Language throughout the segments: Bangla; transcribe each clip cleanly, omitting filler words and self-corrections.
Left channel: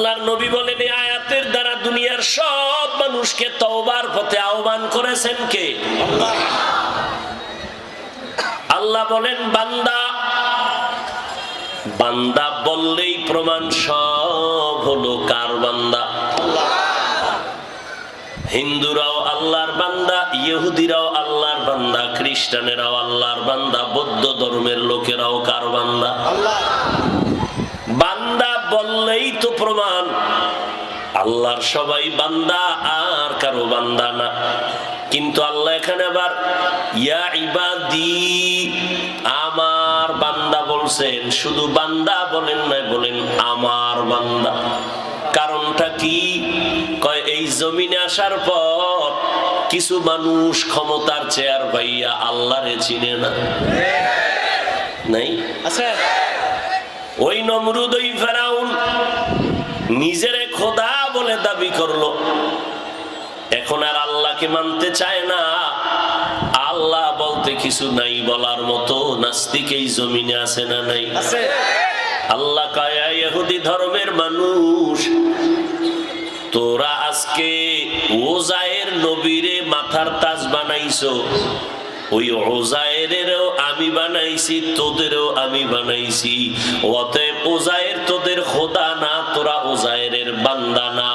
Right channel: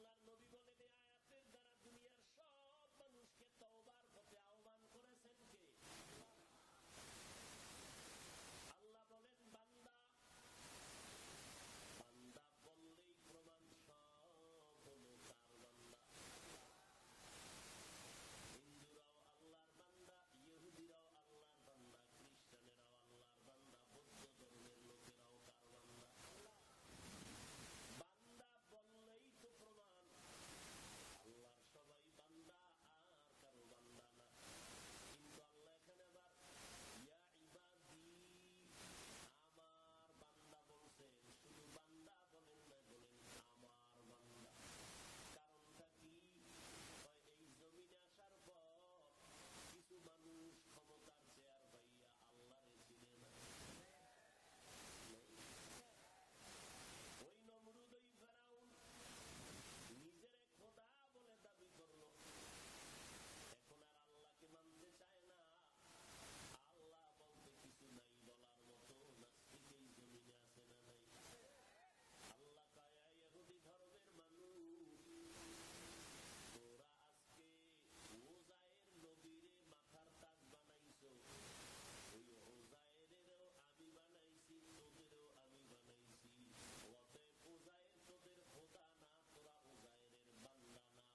আল্লাহর নবী বলেন এই আয়াতের দ্বারা দুনিয়ার সব মানুষকে তওবার পথে আহ্বান করেছেন কে? আল্লাহ। আল্লাহ বলেন বান্দা, বান্দা বললেই প্রমাণ সব হলো কার বান্দা? হিন্দুরাও আল্লাহর বান্দা, ইহুদিরাও আল্লাহর বান্দা, খ্রিস্টানেরাও আল্লাহর বান্দা, বৌদ্ধ ধর্মের লোকেরাও কার বান্দা? আল্লাহ। বান্দা বললেই তো প্রমাণ আল্লাহর সবাই বান্দা, আর কারো বান্দা না। কিন্তু আল্লাহ এখানে আবার ইয়া ইবাদি, আমার বান্দা বলছেন, শুধু বান্দা বলেন নাই, বলেন আমার বান্দা। কারণটা কি? কয় এই জমিনে আসার পর কিছু মানুষ ক্ষমতার চেয়ার পাইয়া আল্লাহরে চিনে না, নাই আছে। ওই নমরুদ, ওই ফেরাউন নিজেরে খোদা বলে দাবি করলো, এখন আর আল্লাহকে মানতে চায় না। আল্লাহ বলতে কিছু নাই বলার মতো নাস্তিক এই জমিনে আছে না নাই? আছে। আল্লাহ কয় ইহুদি ধর্মের মানুষ, তোরা আজকে ওজায়ের নবীরে মাথার তাজ বানাইছো, ওই ওজায়েরেরও আমি বানাইছি, তোদেরও আমি বানাইছি। অতএব ওজায়ের তোদের খোদা না, তোরা ওজায়েরের বান্দা না,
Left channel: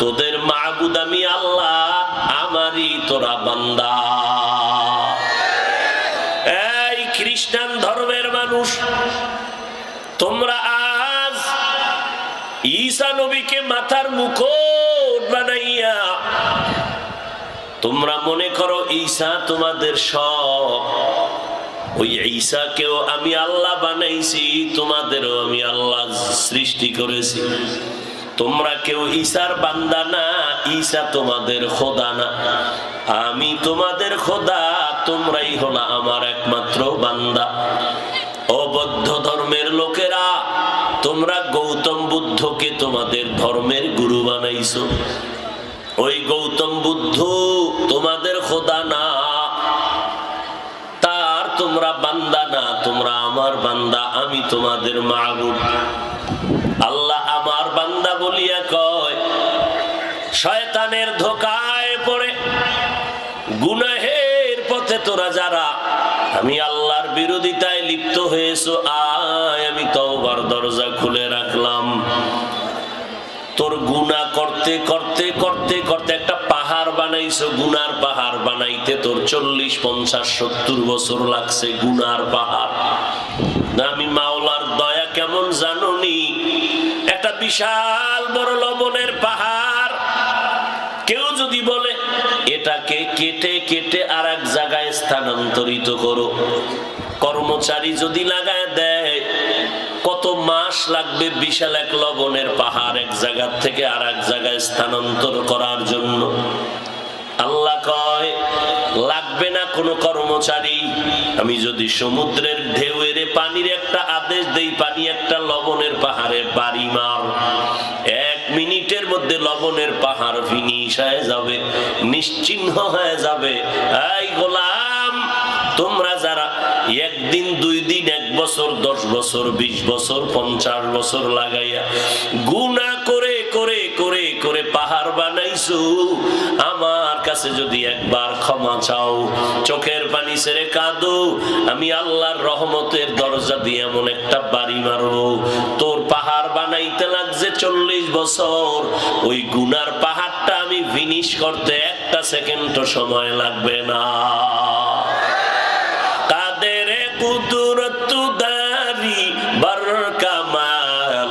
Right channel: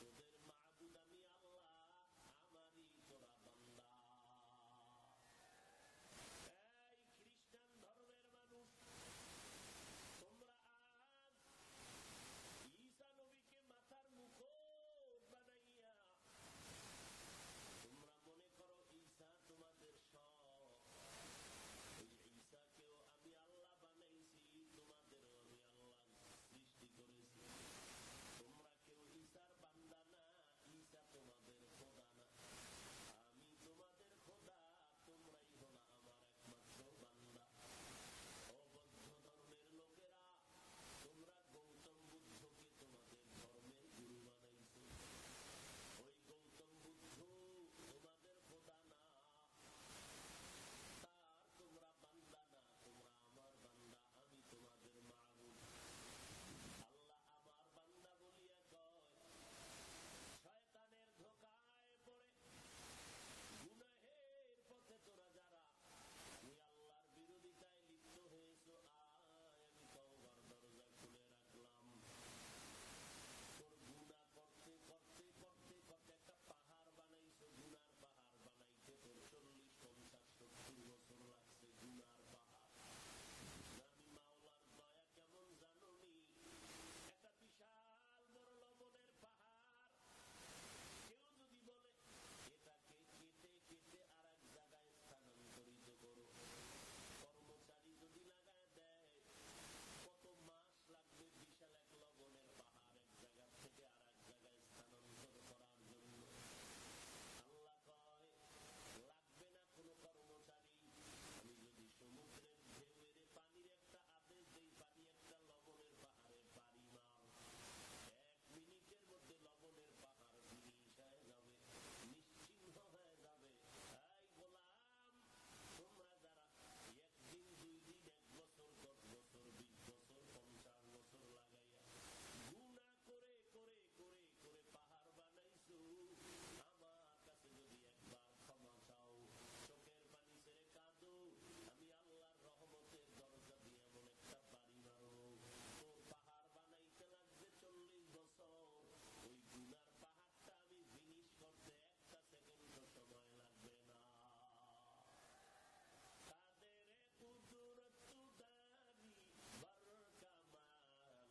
তোদের মাবুদ আমি আল্লাহ, আমারই তোরা বান্দা। এই খ্রিস্টান ধর্মের মানুষ, তোমরা আজ ঈসা নবীকে মাথার মুকুট বানাইয়া তোমরা মনে করো ঈসা তোমাদের সব। ওই ঈসাকেও আমি আল্লাহ বানাইছি, তোমাদেরও আমি আল্লাহ সৃষ্টি করেছি। তোমরা কেউ ঈসার বান্দা না, ঈসা তোমাদের খোদা না, আমি তোমাদের খোদা, তোমরাই হলো আমার একমাত্র বান্দা। ও বৌদ্ধ ধর্মের লোকেরা, তোমরা গৌতম বুদ্ধকে তোমাদের ধর্মের গুরু বানাইছো। ওই গৌতম বুদ্ধ তোমাদের খোদা না, তার তোমরা বান্দা না, তোমরা আমার বান্দা, আমি তোমাদের মাবুদ। আল্লাহ আমার বান্দা বলিয়া কয়, শয়তানের ধোকায় পড়ে গুনাহের পথে তোরা যারা আমি আল্লাহর বিরোধিতায় লিপ্ত হয়েছো, আয় আমি তওবার দরজা খুলে রাখলাম। তোর গুনাহ করতে করতে করতে করতে একটা পাহাড় বানাইছো, গুনার পাহাড় বানাইতে তোর 40, 50, 70 বছর লাগছে। গুনার পাহাড় না, আমি মাওলার দয়া কেমন জানোনি? একটা বিশাল বড় লবণের পাহাড় কেউ যদি বলে এটাকে কেটে কেটে আর এক জায়গায় স্থানান্তরিত করো, কর্মচারী যদি লাগায় দেয়, কত মাস লাগবে বিশাল এক লবণের পাহাড় এক জায়গা থেকে আর এক জায়গায় স্থানান্তর করার জন্য? আল্লাহ কয় লাগবে না কোনো কর্মচারী। আমি যদি সমুদ্রের ঢেউয়ের পানির একটা আদেশ দেই, পানি একটা লবণের পাহাড়ে বাড়ি মার, 1 মিনিটের মধ্যে লবণের পাহাড় ফিনিশ হয়ে যাবে, নিশ্চিহ্ন হয়ে যাবে। এই গোলাম, তোমরা যারা 1 দিন 2 দিন 1 বছর 10 বছর 20 বছর 50 বছর লাগাইয়া গুনাহ করে করে করে করে পাহাড় বানাইছো, আমার কাছে যদি একবার ক্ষমা চাও, চোখের পানি ছেড়ে কাঁদো, আমি আল্লাহর রহমতের দরজা দিয়ে এমন একটা বাড়ি মারবো, তোর পাহাড় বানাইতে লাগছে 40 বছর, ওই গুনার পাহাড়টা আমি ফিনিশ করতে 1 সেকেন্ডও সময় লাগবে না। কাদের কুদরত দারি বার কামাল,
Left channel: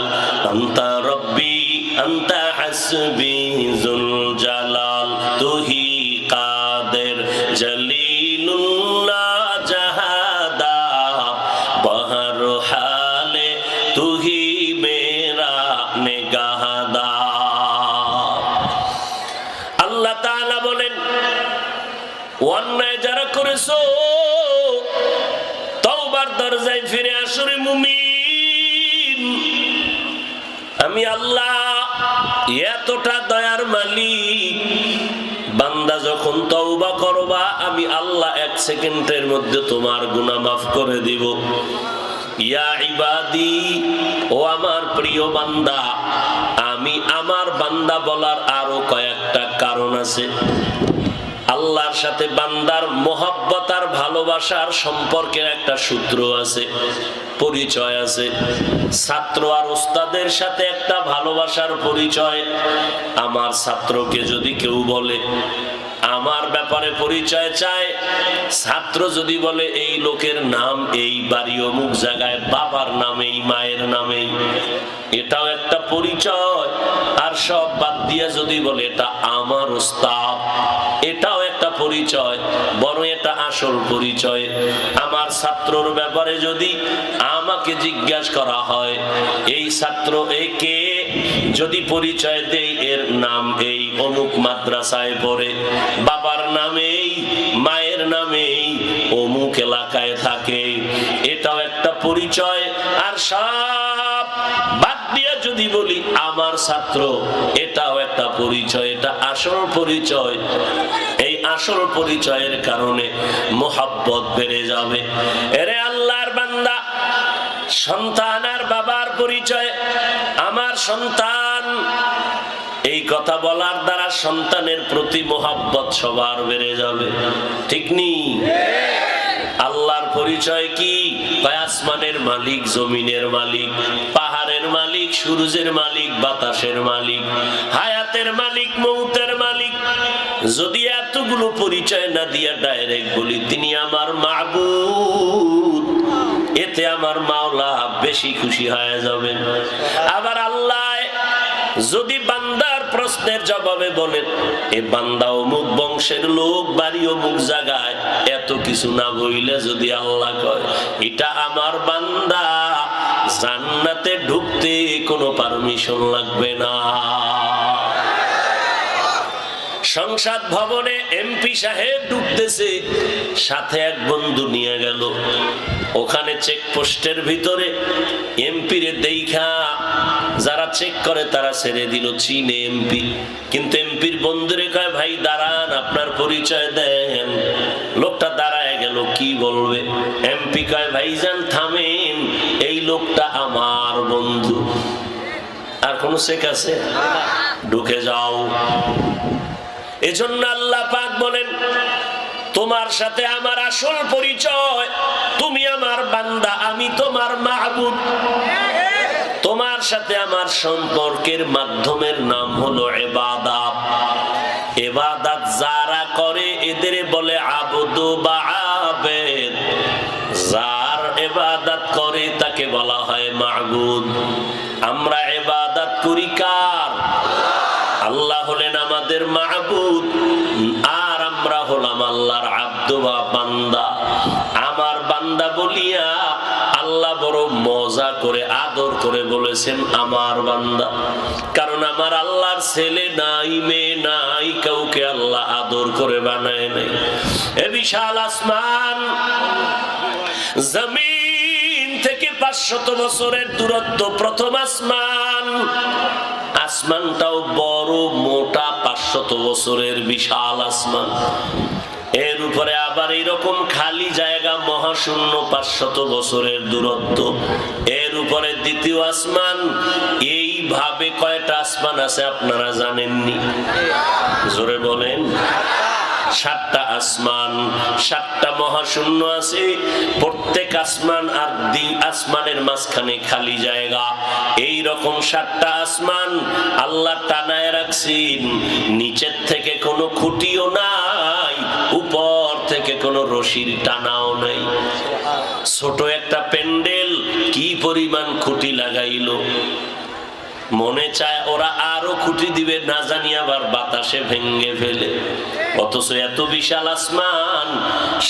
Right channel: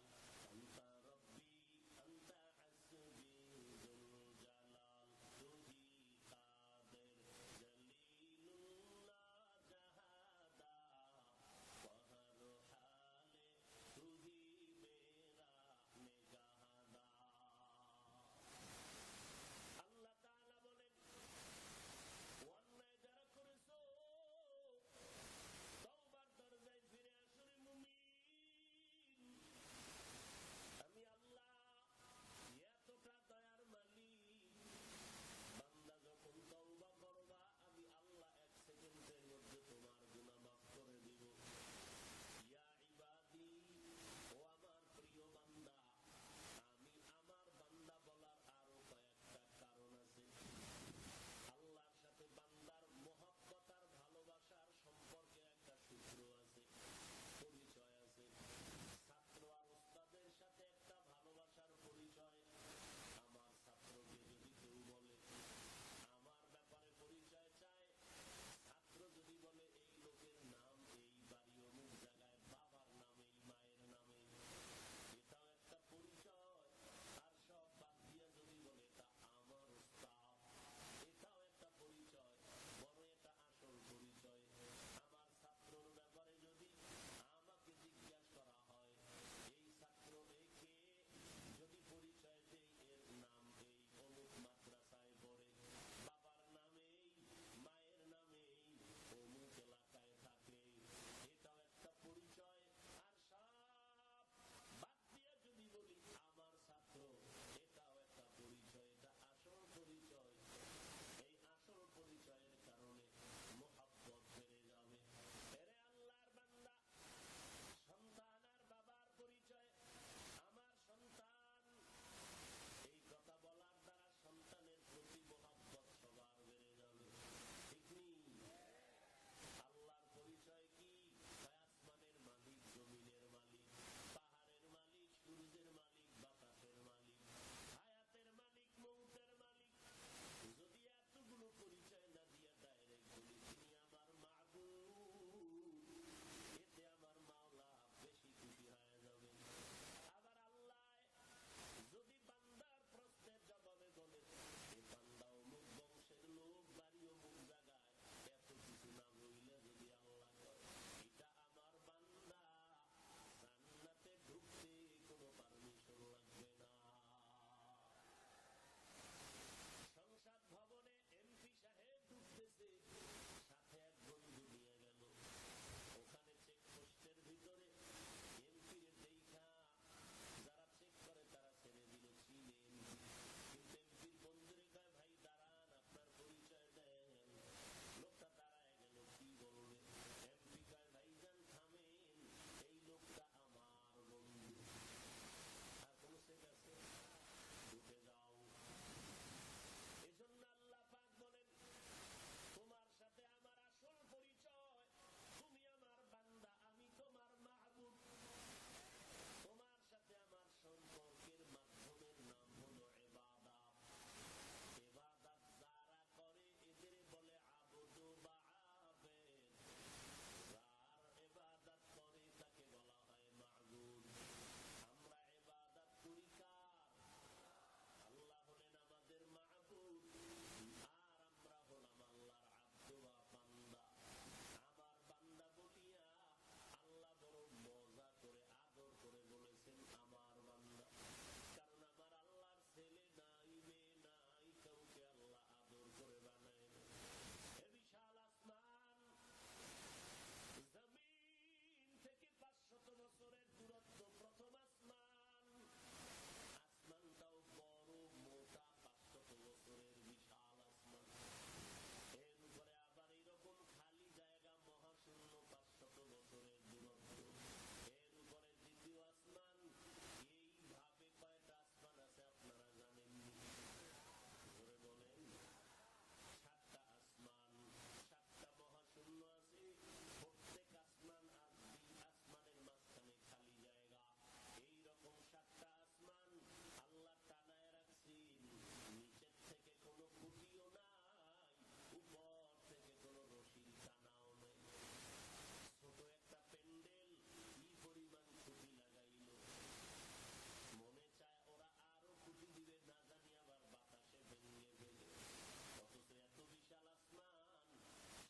আনতা রব্বি আনতা হাসবি যুল জালাল, তুহি কাদের জলিলুল্লাহ জাহাদা, বহর হালে তুহি মেরা নেগাহদা। আল্লাহ তাআলা বলেন, অন্যায় যারা করেছো তওবার দরজায় ফিরে আসো রে মুমিন। আমি আল্লাহ এতটা দয়ার মালিক, বান্দা যখন তওবা করবা আমি আল্লাহ 1 সেকেন্ডের মধ্যে তোমার গুনাহ মাফ করে দিব। ইয়া ইবাদি, ও আমার প্রিয় বান্দা, আমি বান্দা বলার আরো কয়েকটা কারণ আছে। আল্লাহর সাথে বান্দার মোহাব্বত আর ভালোবাসার সম্পর্কের একটা সূত্র আছে, পরিচয় আছে। ছাত্র আর ওস্তাদের সাথে একটা ভালোবাসার পরিচয়। আমার ছাত্রকে যদি কেউ বলে, আমার ব্যাপারে পরিচয় চায়, ছাত্র যদি বলে এই লোকের নাম এই, বাড়ি অমুক জায়গায়, বাবার নামেই মায়ের নামেই, এটাও একটা পরিচয়। আর সব বাদ দিয়ে যদি বলে এটা আমার ওস্তাদ, এটাও একটা পরিচয়, বরং এটা আসল পরিচয়। আমার ছাত্রর ব্যাপারে যদি আমাকে জিজ্ঞাসা করা হয়, এই ছাত্র একে, যদি পরিচয় দেই এর নাম এই, অমুক মাদ্রাসায় পড়ে, বাবার নামেই মায়ের নামেই অমুক এলাকায় থাকে, এটাও একটা পরিচয়। আর সব বাদ দিয়ে যদি বলি আমার ছাত্র, এটাও একটা পরিচয়, এটা আসল পরিচয়। এই আসল পরিচয়ের কারণে মোহাব্বত বেড়ে যাবে। এরে আল্লাহর বান্দা, সন্তান আর বাবার পরিচয়, আমার সন্তান, এই কথা বলার দ্বারা সন্তানের প্রতি মোহাব্বত সবার বেড়ে যাবে, ঠিক নি? আল্লাহর পরিচয় কি? আসমানের মালিক, জমিনের মালিক, পাহাড়ের মালিক, সূর্যের মালিক, বাতাসের মালিক, হায়াতের মালিক, মৌতের মালিক। যদি এতগুলো পরিচয় না দিয়া ডাইরেক্ট বলি তিনি আমার মাবুদ, এতে আমার মাওলা বেশি খুশি হয়ে যাবেন। আবার আল্লাহ যদি বান্দার প্রশ্নের জবাবে বলেন এ বান্দা অমুক বংশের লোক, বাড়ি অমুক জায়গায়, এত কিছু না বইলে যদি আল্লাহ কয় এটা আমার বান্দা, জান্নাতে ঢুকতে কোনো পারমিশন লাগবে না। সংসদ ভবনে এমপি সাহেব ঢুকতেছে, সাথে এক বন্ধু নিয়ে গেল। ওখানে চেকপোস্টের ভিতরে এমপিরে দেখা যারা চেক করে তারা ছেড়ে দিল, চীনে এমপি। কিন্তু এমপির বন্ধুরে কয় ভাই দাঁড়ান, আপনার পরিচয় দেন। লোকটা দাঁড়ায় গেল, কি বলবে? এমপি কয় ভাইজান থামেন, এই লোকটা আমার বন্ধু। আর কোন চেক আছে? ঢুকে যাও। এজন্য আল্লাহ পাক বলেন তোমার সাথে আমার আসল পরিচয়, তুমি আমার বান্দা, আমি তোমার মাহবুব। তোমার সাথে আমার সম্পর্কের মাধ্যমের নাম হলো ইবাদত। ইবাদত যারা করে এদের বলে আবদু বা আবেদ। যার ইবাদত করে তাকে বলা হয় মাহবুব। আমরা ইবাদত করি কার? আল্লাহ হলেন আমাদের মাহবুব, আর আমরা হলাম আল্লাহর আব্দ বা বান্দা। আমার বান্দা বলিয়া আল্লাহ বড় মজা করে আদর করে বলেছেন আমার বান্দা। কারণ আমার আল্লাহর ছেলে নাই, মেয়ে নাই, কাউকে আল্লাহ আদর করে বানায় নাই। এ বিশাল আসমান, জমিন থেকে 500 বছরের দূরত্ব প্রথম আসমান। আসমানটাও বড় মোটা, 500 বছরের বিশাল আসমান। এর উপরে আবার এরকম খালি জায়গা মহাশূন্য, 500 বছরের দূরত্ব। এর উপরে দ্বিতীয় আসমান। এইভাবে কয়টা আসমান আছে আপনারা জানেননি? জোরে বলেন। 7টা আসমান, 7টা মহাশূন্য আছে। প্রত্যেক আসমান আর আসমানের মাঝখানে খালি জায়গা। এই রকম 7টা আসমান আল্লাহ টানায় রাখছেন। নিচের থেকে কোনো খুঁটিও নাই, উপর থেকে কোনো রশির টানাও নাই। ছোট একটা প্যান্ডেল কি পরিমাণ খুঁটি লাগাইলো, মনে চায় ওরা আরো খুঁটি দিবে, না জানি আবার বাতাসে ভেঙে ফেলে। অথচ এত বিশাল আসমান,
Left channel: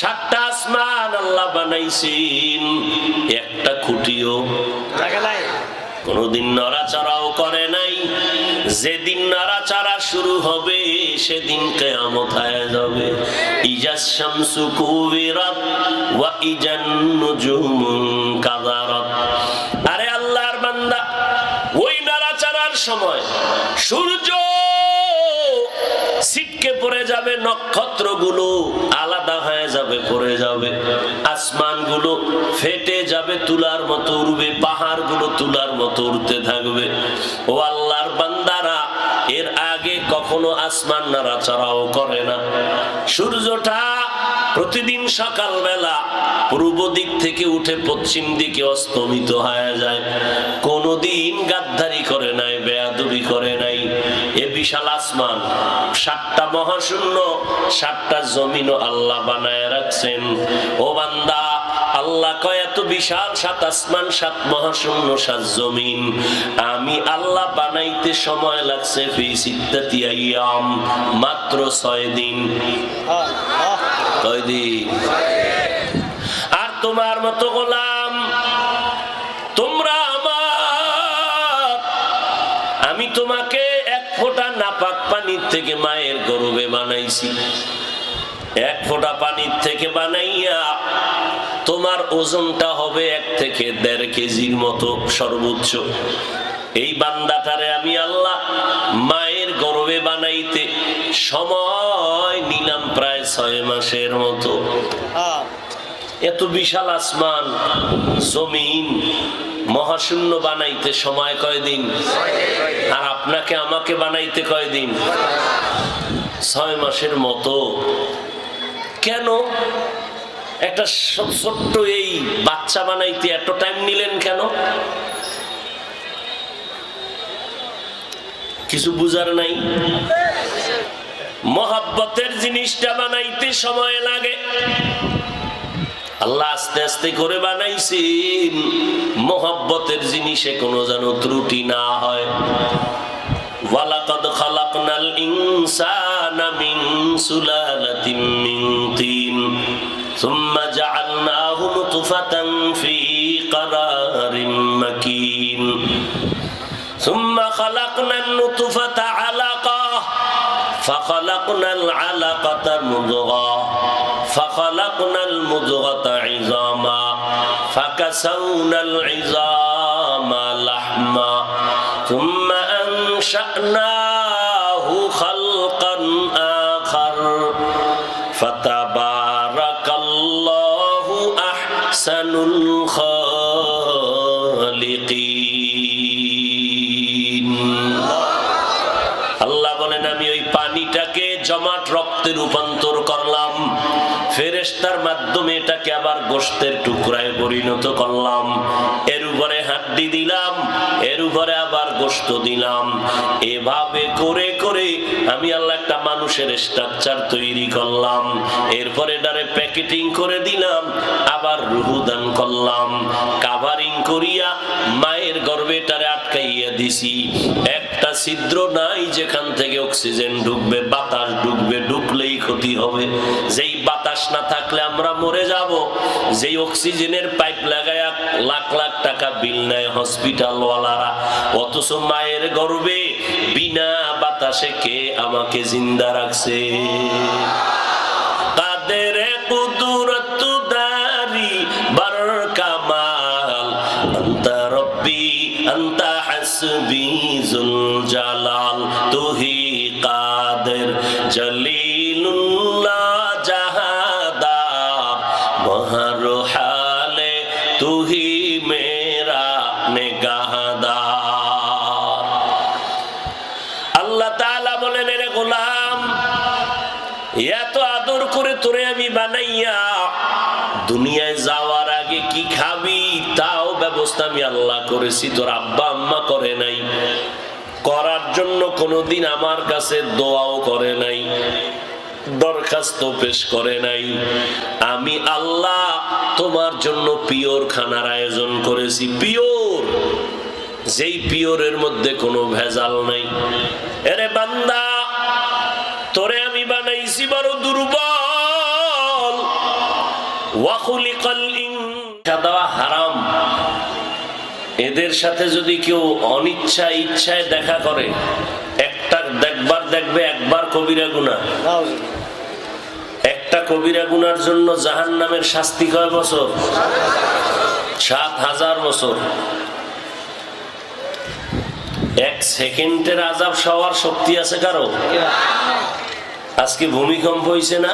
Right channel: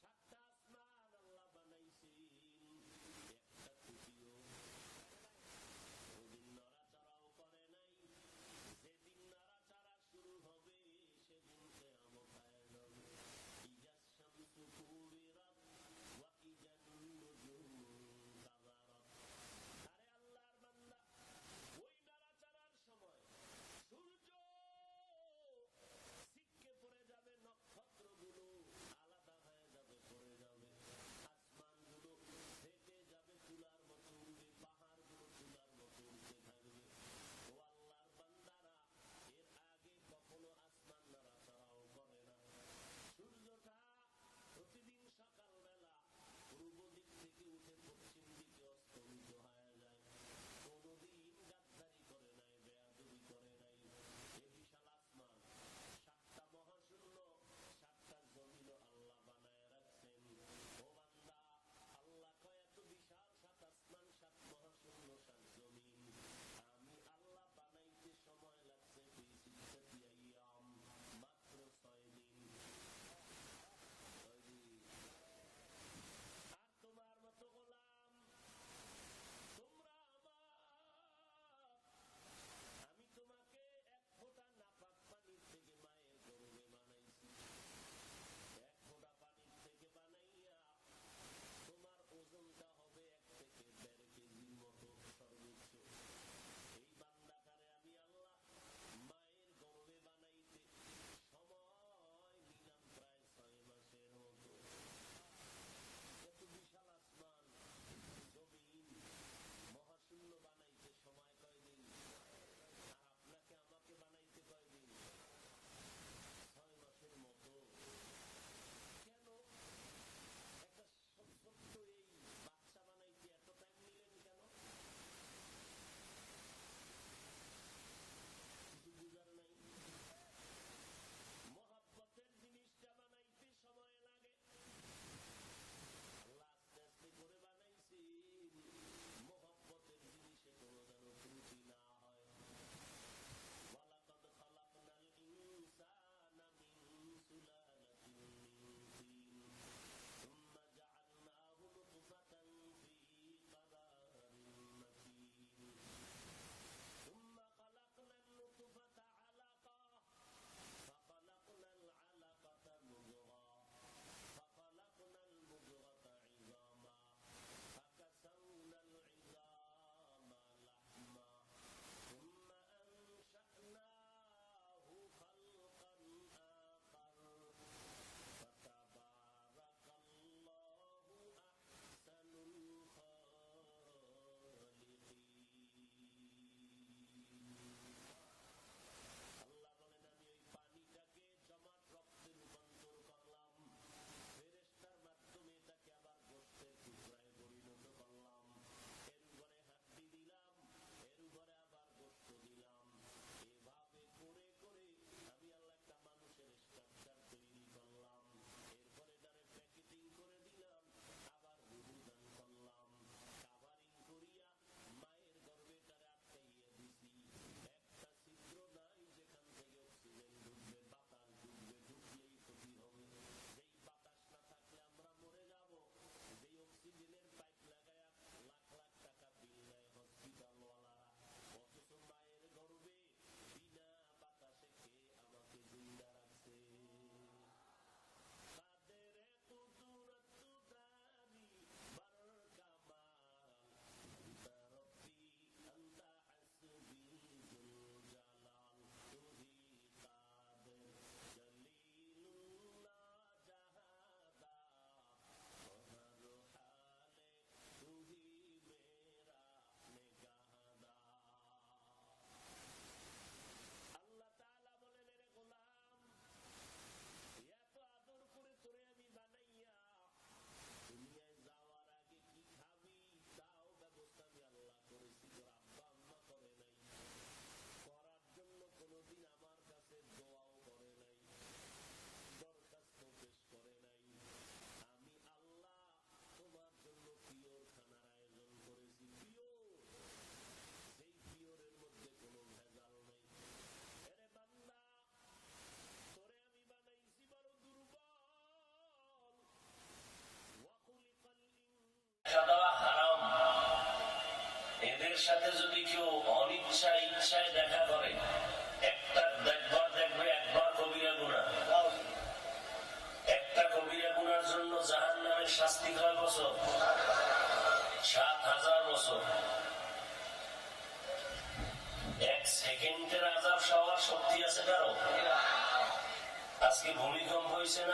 7টা আসমান আল্লাহ বানাইছেন, একটা খুঁটিও কোনদিন নড়াচড়াও করে নাই। যেদিন নড়াচড়া শুরু হবে সেদিন কিয়ামত হয়ে যাবে। ইজাস শামসু কুবিরাত ওয়া ইজান নুজুমু কাদারাত। আরে আল্লাহর বান্দা, ওই নড়াচড়ার সময় সূর্য ছিটকে পড়ে যাবে, নক্ষত্রগুলো আলাদা হয়ে যাবে, পড়ে যাবে, আসমানগুলো ফেটে যাবে, তুলার মতো উড়বে, পাহাড়গুলো তুলার মতো উড়তে থাকবে। ও আল্লাহর বান্দারা, এর আগে কখনো আসমান নাড়াচাড়াও করে না। সূর্যটা প্রতিদিন সকালবেলা পূর্ব দিক থেকে উঠে পশ্চিম দিকে অস্তমিত হয়ে যায়। কোনদিন গাদ্দারি করে নাই, বেয়াদবি করে নাই। এ বিশাল আসমান, 7টা মহাশূন্য, 7টা জমিনও আল্লাহ বানায় রাখছেন। ও বান্দা, আল্লাহ কয় এত বিশাল 7 আসমান, 7 মহাশূন্য, 7 জমিন আমি আল্লাহ বানাইতে সময় লাগছে ফি সিত্তাতি আইয়াম, মাত্র 6 দিন। কয় দিন? আর তোমার মতো গোলাম, তোমরা আমার, আমি তোমাকে 1 ফোঁটা নাপাক পানির থেকে মায়ের গর্ভে বানাইছি। 1 ফোঁটা পানির থেকে বানাইয়া তোমার ওজনটা হবে 1 থেকে 1.5 কেজির মতো সর্বোচ্চ। এই বান্দাটারে আমি আল্লাহ মায়ের গর্ভে বানাইতে সময় নিলাম প্রায় 6 মাসের মতো। এত বিশাল আসমান, জমিন, মহাশূন্য বানাইতে সময় কয়দিন? আর আপনাকে আমাকে বানাইতে কয়দিন? 6 মাসের মতো। কেন একটা ছোট্ট এই বাচ্চা বানাইতে এত টাইম নিলেন কেন? কিছু বুঝার নাই? মহব্বতের জিনিসটা বানাইতে সময় লাগে। আল্লাহ আস্তে আস্তে করে বানাইছেন, মহব্বতের জিনিসে কোনো যেন ত্রুটি না হয়। ওয়ালাকাদ খালাকনাল ইনসানা মিন সুলালাতিন মিন তিন সুম্মা জাআলনাহু নুতফাতান ফি ক্বারারিন মাকিন সুম্মা খালাকনান নুতফাতা আলাকাহ ফাখালাকনাল আলাকাতা মুদগাহ ফাখালাকনাল মুদগাতা ইযামা ফাকাসাউনাল ইযামা লাহমা সুম্মা আনশা'নাহু খালকান আখার ফাতাবারাকাল্লাহু আহসানুল খালিকিন। আল্লাহ বলেন, আমি ওই পানিটাকে জমাট রক্তে রূপান্তর করলাম, ফেরেশতার মাধ্যমে এটাকে আবার গোশতের টুকরায় পরিণত করলাম, এর উপরে হাড্ডি দিলাম, এর উপরে আবার গোশত দিলাম। এভাবে করে করে আমি আল্লাহ একটা মানুষের স্ট্রাকচার তৈরি করলাম। এরপরে এটারে প্যাকেটিং করে দিলাম, আবার রূহ দান করলাম, কাভারিং করিয়া মায়ের গর্ভে এটারে আটকাইয়া দিছি। একটা ছিদ্র নাই যেখান থেকে অক্সিজেন ঢুকবে, বাতাস ঢুকবে, ঢুকলেই ক্ষতি হবে। যেই বাতাস না থাকলে আমরা মরে যাব। যেই অক্সিজেনের পাইপ লাগায়া লাখ লাখ টাকা বিল নেয় হসপিটাল ওয়ালারা, অথচ মায়ের গর্ভে বিনা বাতাসে কে আমাকে জিন্দা রাখছে? কাদের কুদরত দারি বার কামাল আনতা রব্বি আনতা হাসবি জুল জালাল তুহি কাদের জলিলুল্লাহ জাহাদার বহর হালে তুহি মেরা নেগাহদার। আল্লাহ তাআলা বলেন, রে গোলাম, এত আদর করে তোরে আমি বানাইয়া দুনিয়ায় যাওয়ার আগে কি খাবি তাও ব্যবস্থা আমি আল্লাহ করেছি, তোর আব্বা আম্মা করে নাই। করার জন্য কোনোদিন আমার কাছে দোয়াও করে নাই, দরখাস্ত পেশ করে নাই। আমি আল্লাহ তোমার জন্য পিওর খানার আয়োজন করেছি, পিওর, যেই পিওরের মধ্যে কোনো ভেজাল নাই। এরে বান্দা, তোরে আমি বানাইছি বড় দুর্বল। ওয়াখুলিকাল ইনসান হারাম। এদের সাথে যদি কেউ অনিচ্ছা ইচ্ছায় দেখা করে, একটা দেখবে একবার কবিরা গুনাহ। একটা কবিরা গুনার জন্য জাহান্নামের শাস্তি কয় বছর? 7000 বছর। 1 সেকেন্ডের আযাব সওয়ার শক্তি আছে কারো? আজকে ভূমিকম্প হইছে না?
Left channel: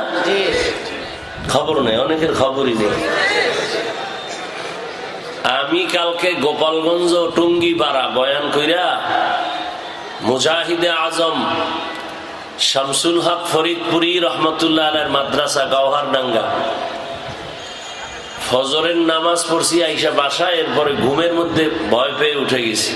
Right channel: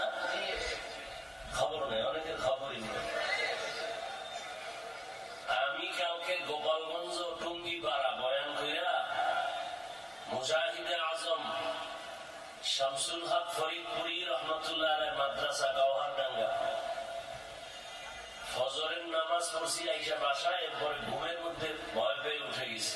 খবর নেই, অনেকের খবরই নেই। আমি কালকে গোপালগঞ্জ টুঙ্গিপাড়া বয়ান কইরা মুজাহিদে আজম শামসুল হক ফরিদপুরি রহমতুল্লাহ আলাইহির মাদ্রাসা গওহারডাঙ্গা। ফজরের নামাজ পড়ছি আইসা বাসায়, এরপরে ঘুমের মধ্যে ভয় পেয়ে উঠে গেছি।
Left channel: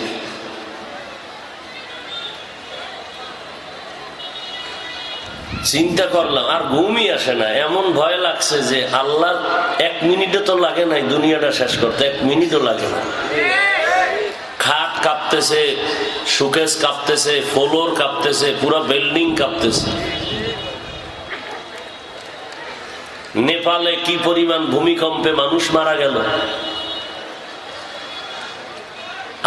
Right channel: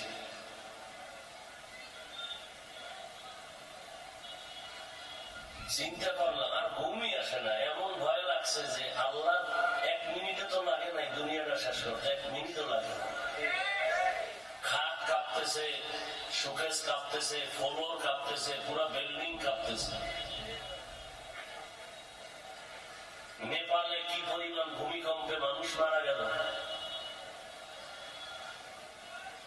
চিন্তা করলাম আর ঘুমই আসে না, এমন ভয় লাগছে যে আল্লাহ 1 মিনিটও তো লাগে নাই দুনিয়াটা শেষ করতে, 1 মিনিটও লাগে না। খাট কাঁপতেছে, শোকেস কাঁপতেছে, ফ্লোর কাঁপতেছে, পুরো বিল্ডিং কাঁপতেছে। নেপালে কি পরিমাণ ভূমিকম্পে মানুষ মারা গেল।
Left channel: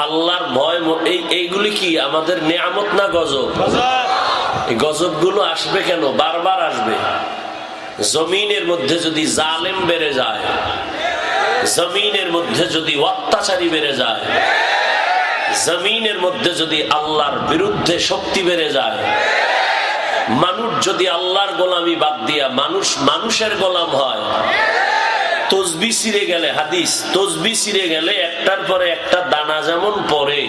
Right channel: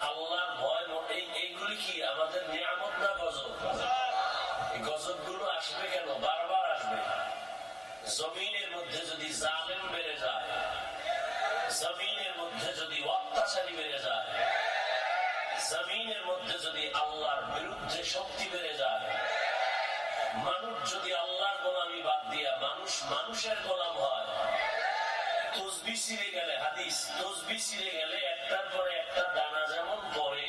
আল্লাহর ভয়, এইগুলি কি আমাদের নেয়ামত না গজব? এই গজব গুলো আসবে কেন? বারবার আসবে। জমিনের মধ্যে যদি জালেম বেড়ে যায়, জমিনের মধ্যে যদি অত্যাচারী বেড়ে যায়, জমিনের মধ্যে যদি আল্লাহর বিরুদ্ধে শক্তি বেড়ে যায়, মানুষ যদি আল্লাহর গোলামি বাদ দিয়া মানুষের গোলাম হয়, তসবি ছিঁড়ে গেলে, হাদিস, তসবি ছিঁড়ে গেলে একটার পরে একটা দানা যেমন পড়ে,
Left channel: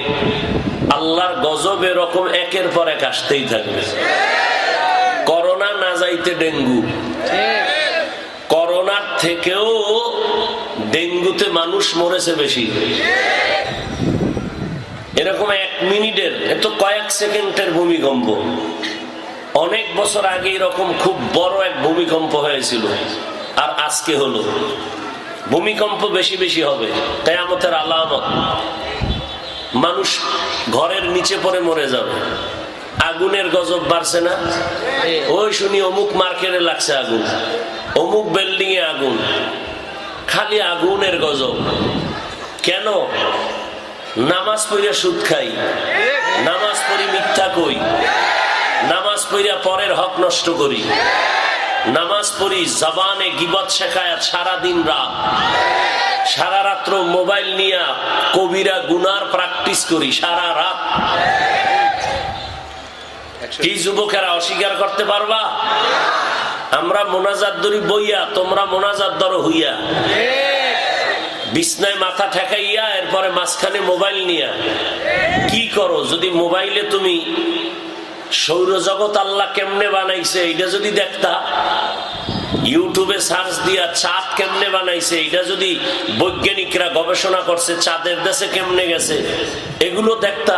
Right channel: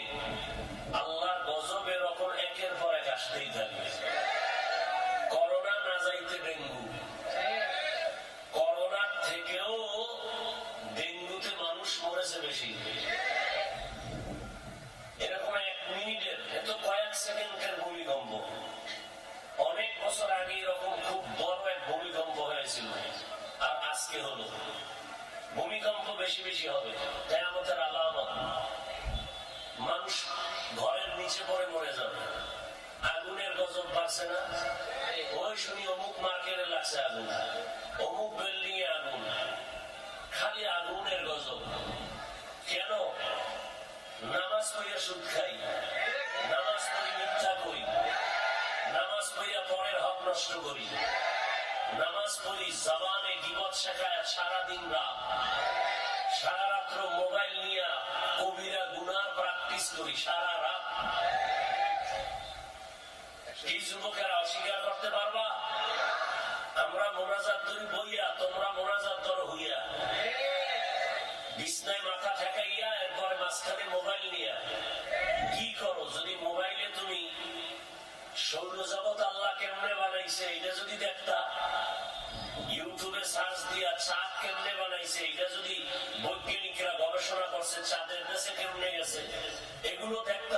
আল্লাহর গজব এরকম একের পর এক আসতেই থাকবে। করোনা না যাইতে ডেঙ্গু, করোনার থেকেও ডেঙ্গুতে মানুষ মরেছে বেশি। এরকম 1 মিনিটের, এত কয়েক সেকেন্ডের ভূমিকম্প। অনেক বছর আগে এরকম খুব বড় এক ভূমিকম্প হয়েছিল, আর আজকে হলো। ভূমিকম্প বেশি বেশি হবে, কিয়ামতের আলামত। মানুষ ঘরের নিচে পড়ে মরে যাবে। আগুনের গজব বাড়ছে না? ওই শুনি অমুক মার্কেটে লাগছে আগুন, অমুক বিল্ডিং এ আগুন, খালি আগুনের গজব। কেন? নামাজ পড়িয়া সুদ খাই, নামাজ পড়ি মিথ্যা কই, নামাজ পড়িয়া পরের হক নষ্ট করি, নামাজ পড়ি জবানে গীবত শেখায় সারাদিন রাত, সারা রাত্র মোবাইল নিয়ে কবিরা গুনার প্র্যাকটিস করি সারা রাত। কি যুবকেরা অস্বীকার করতে পারবা? আমরা মোনাজাত ধরি বইয়া, তোমরা মোনাজাত ধরো হইয়া, বিছনায় মাথা ঠেকাইয়া, এরপরে মাঝখানে মোবাইল নিয়া কি করো? যদি মোবাইলে তুমি সৌরজগৎ আল্লাহ কেমনে বানাইছে এটা যদি দেখতা, ইউটিউবে সার্চ দিয়া চাঁদ কেমনে বানাইছে এটা যদি বৈজ্ঞানিকরা গবেষণা করছে, চাঁদের দেশে কেমনে গেছে এগুলো দেখতা,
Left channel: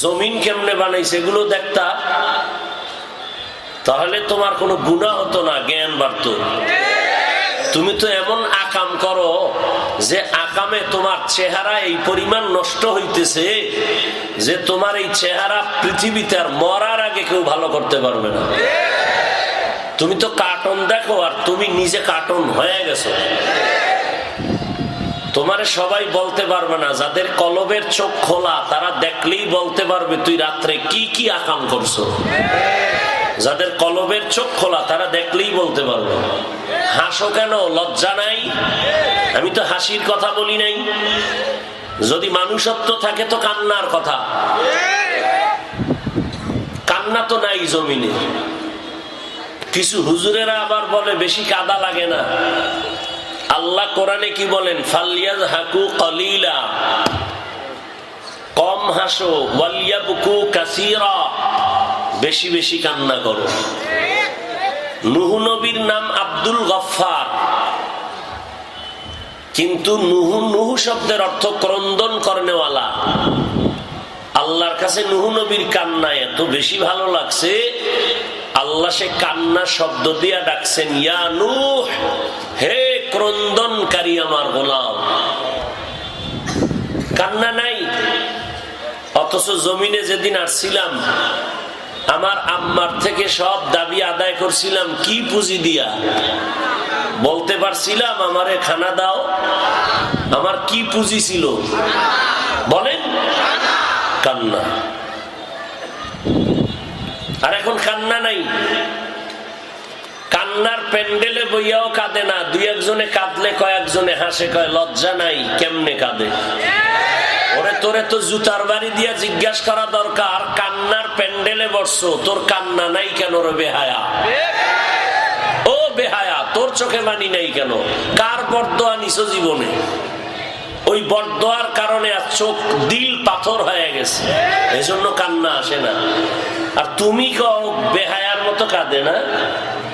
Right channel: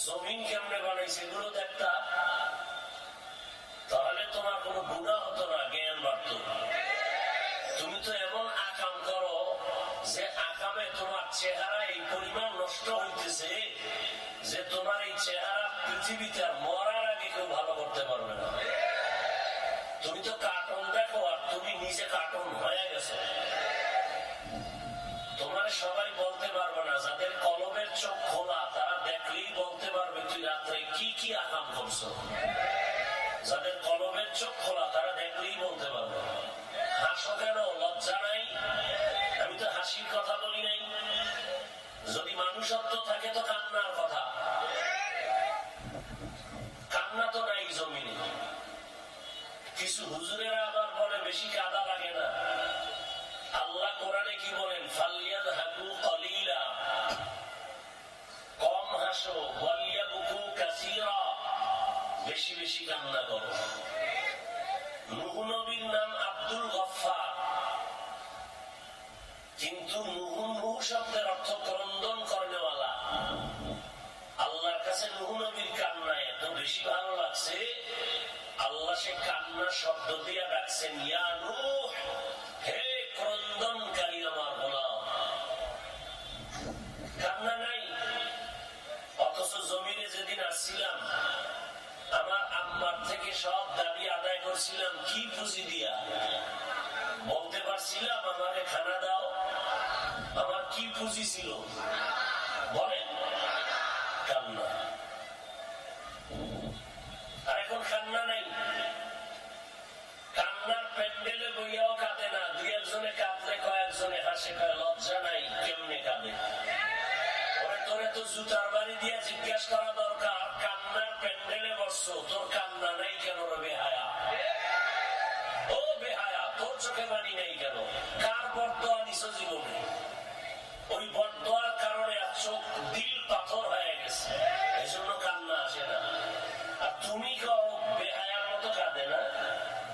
জমিন কেমনে বানাইছে এগুলো দেখতা, তাহলে তোমার কোনো গুনাহ হতো না, জ্ঞান বাড়তো। তুমি তো এমন আকাম করো যে আকামে তোমার চেহারা এই পরিমাণ নষ্ট হইতেছে যে তোমার এই চেহারা পৃথিবীতে আর মরার আগে কেউ ভালো করতে পারবে না। তুমি তো কার্টুন দেখো আর তুমি নিজে কার্টুন হয়ে গেছো। তোমার সবাই বলতে পারবে না, যাদের কলবের চোখ খোলা তারা দেখলেই বলতে পারবে তুই রাত্রে কি কি আকাম করছো। যাদের কলবের চোখ খোলা তারা দেখলেই বলতে পারবে। হাসো কেন? লজ্জা নাই? আমি তো হাসির কথা বলি নাই। যদি মানুষত্ব থাকে তো কান্নার কথা, কান্না তো নাই জমিনে। কিছু হুজুরেরা আবার বলে বেশি কাদা লাগে না। আল্লাহ কোরআনে কি বলেন? ফালিয়াযহাকু কলিলা, কম হাসো, ওয়ালিয়াবকু কাসীরা, বেশি বেশি কান্না করো। নূহ নবীর নাম আব্দুল গফফার, কিন্তু নূহ শব্দের অর্থ ক্রন্দন করনেওয়ালা। আল্লাহর কাছে নূহ নবীর কান্না এত বেশি ভালো লাগছে, আল্লাহ সে কান্না শব্দ দিয়া ডাকছেন, ইয়া নূহ, হে ক্রন্দনকারী আমার গোলাম। কান্না নাই। অথচ জমিনে যেদিন আসছিলাম আমার আম্মার থেকে সব দাবি আদায় করছিলাম কি পুঁজি দিয়া। বলতে পারছিলাম আমারে খানা দাও, আমার কি পুঁজি ছিল বলেন? কান্না। আর এখন কান্না নাই। কান্নার প্যান্ডেলে বইয়াও কাঁদে না, দুই একজনে কাঁদলে কয়েকজনে হাসে, কয় লজ্জা নাই, কেমনে কাঁদে? ওরে তোরে তো জুতার বাড়ি দিয়া জিজ্ঞাসা করা দরকার, কান্নার প্যান্ডেলে বসছো, তোর কান্না নাই কেন রে বেহায়া? ও বেহায়া, তোর চোখে মানি নাই কেন? কার বরদোয়া নিছো জীবনে? ওই বরদোয়ার কারণে আর চোখ দিল পাথর হয়ে গেছে, এজন্য কান্না আসে না। আর তুমি কও বেহায়ার মতো কাঁদে না,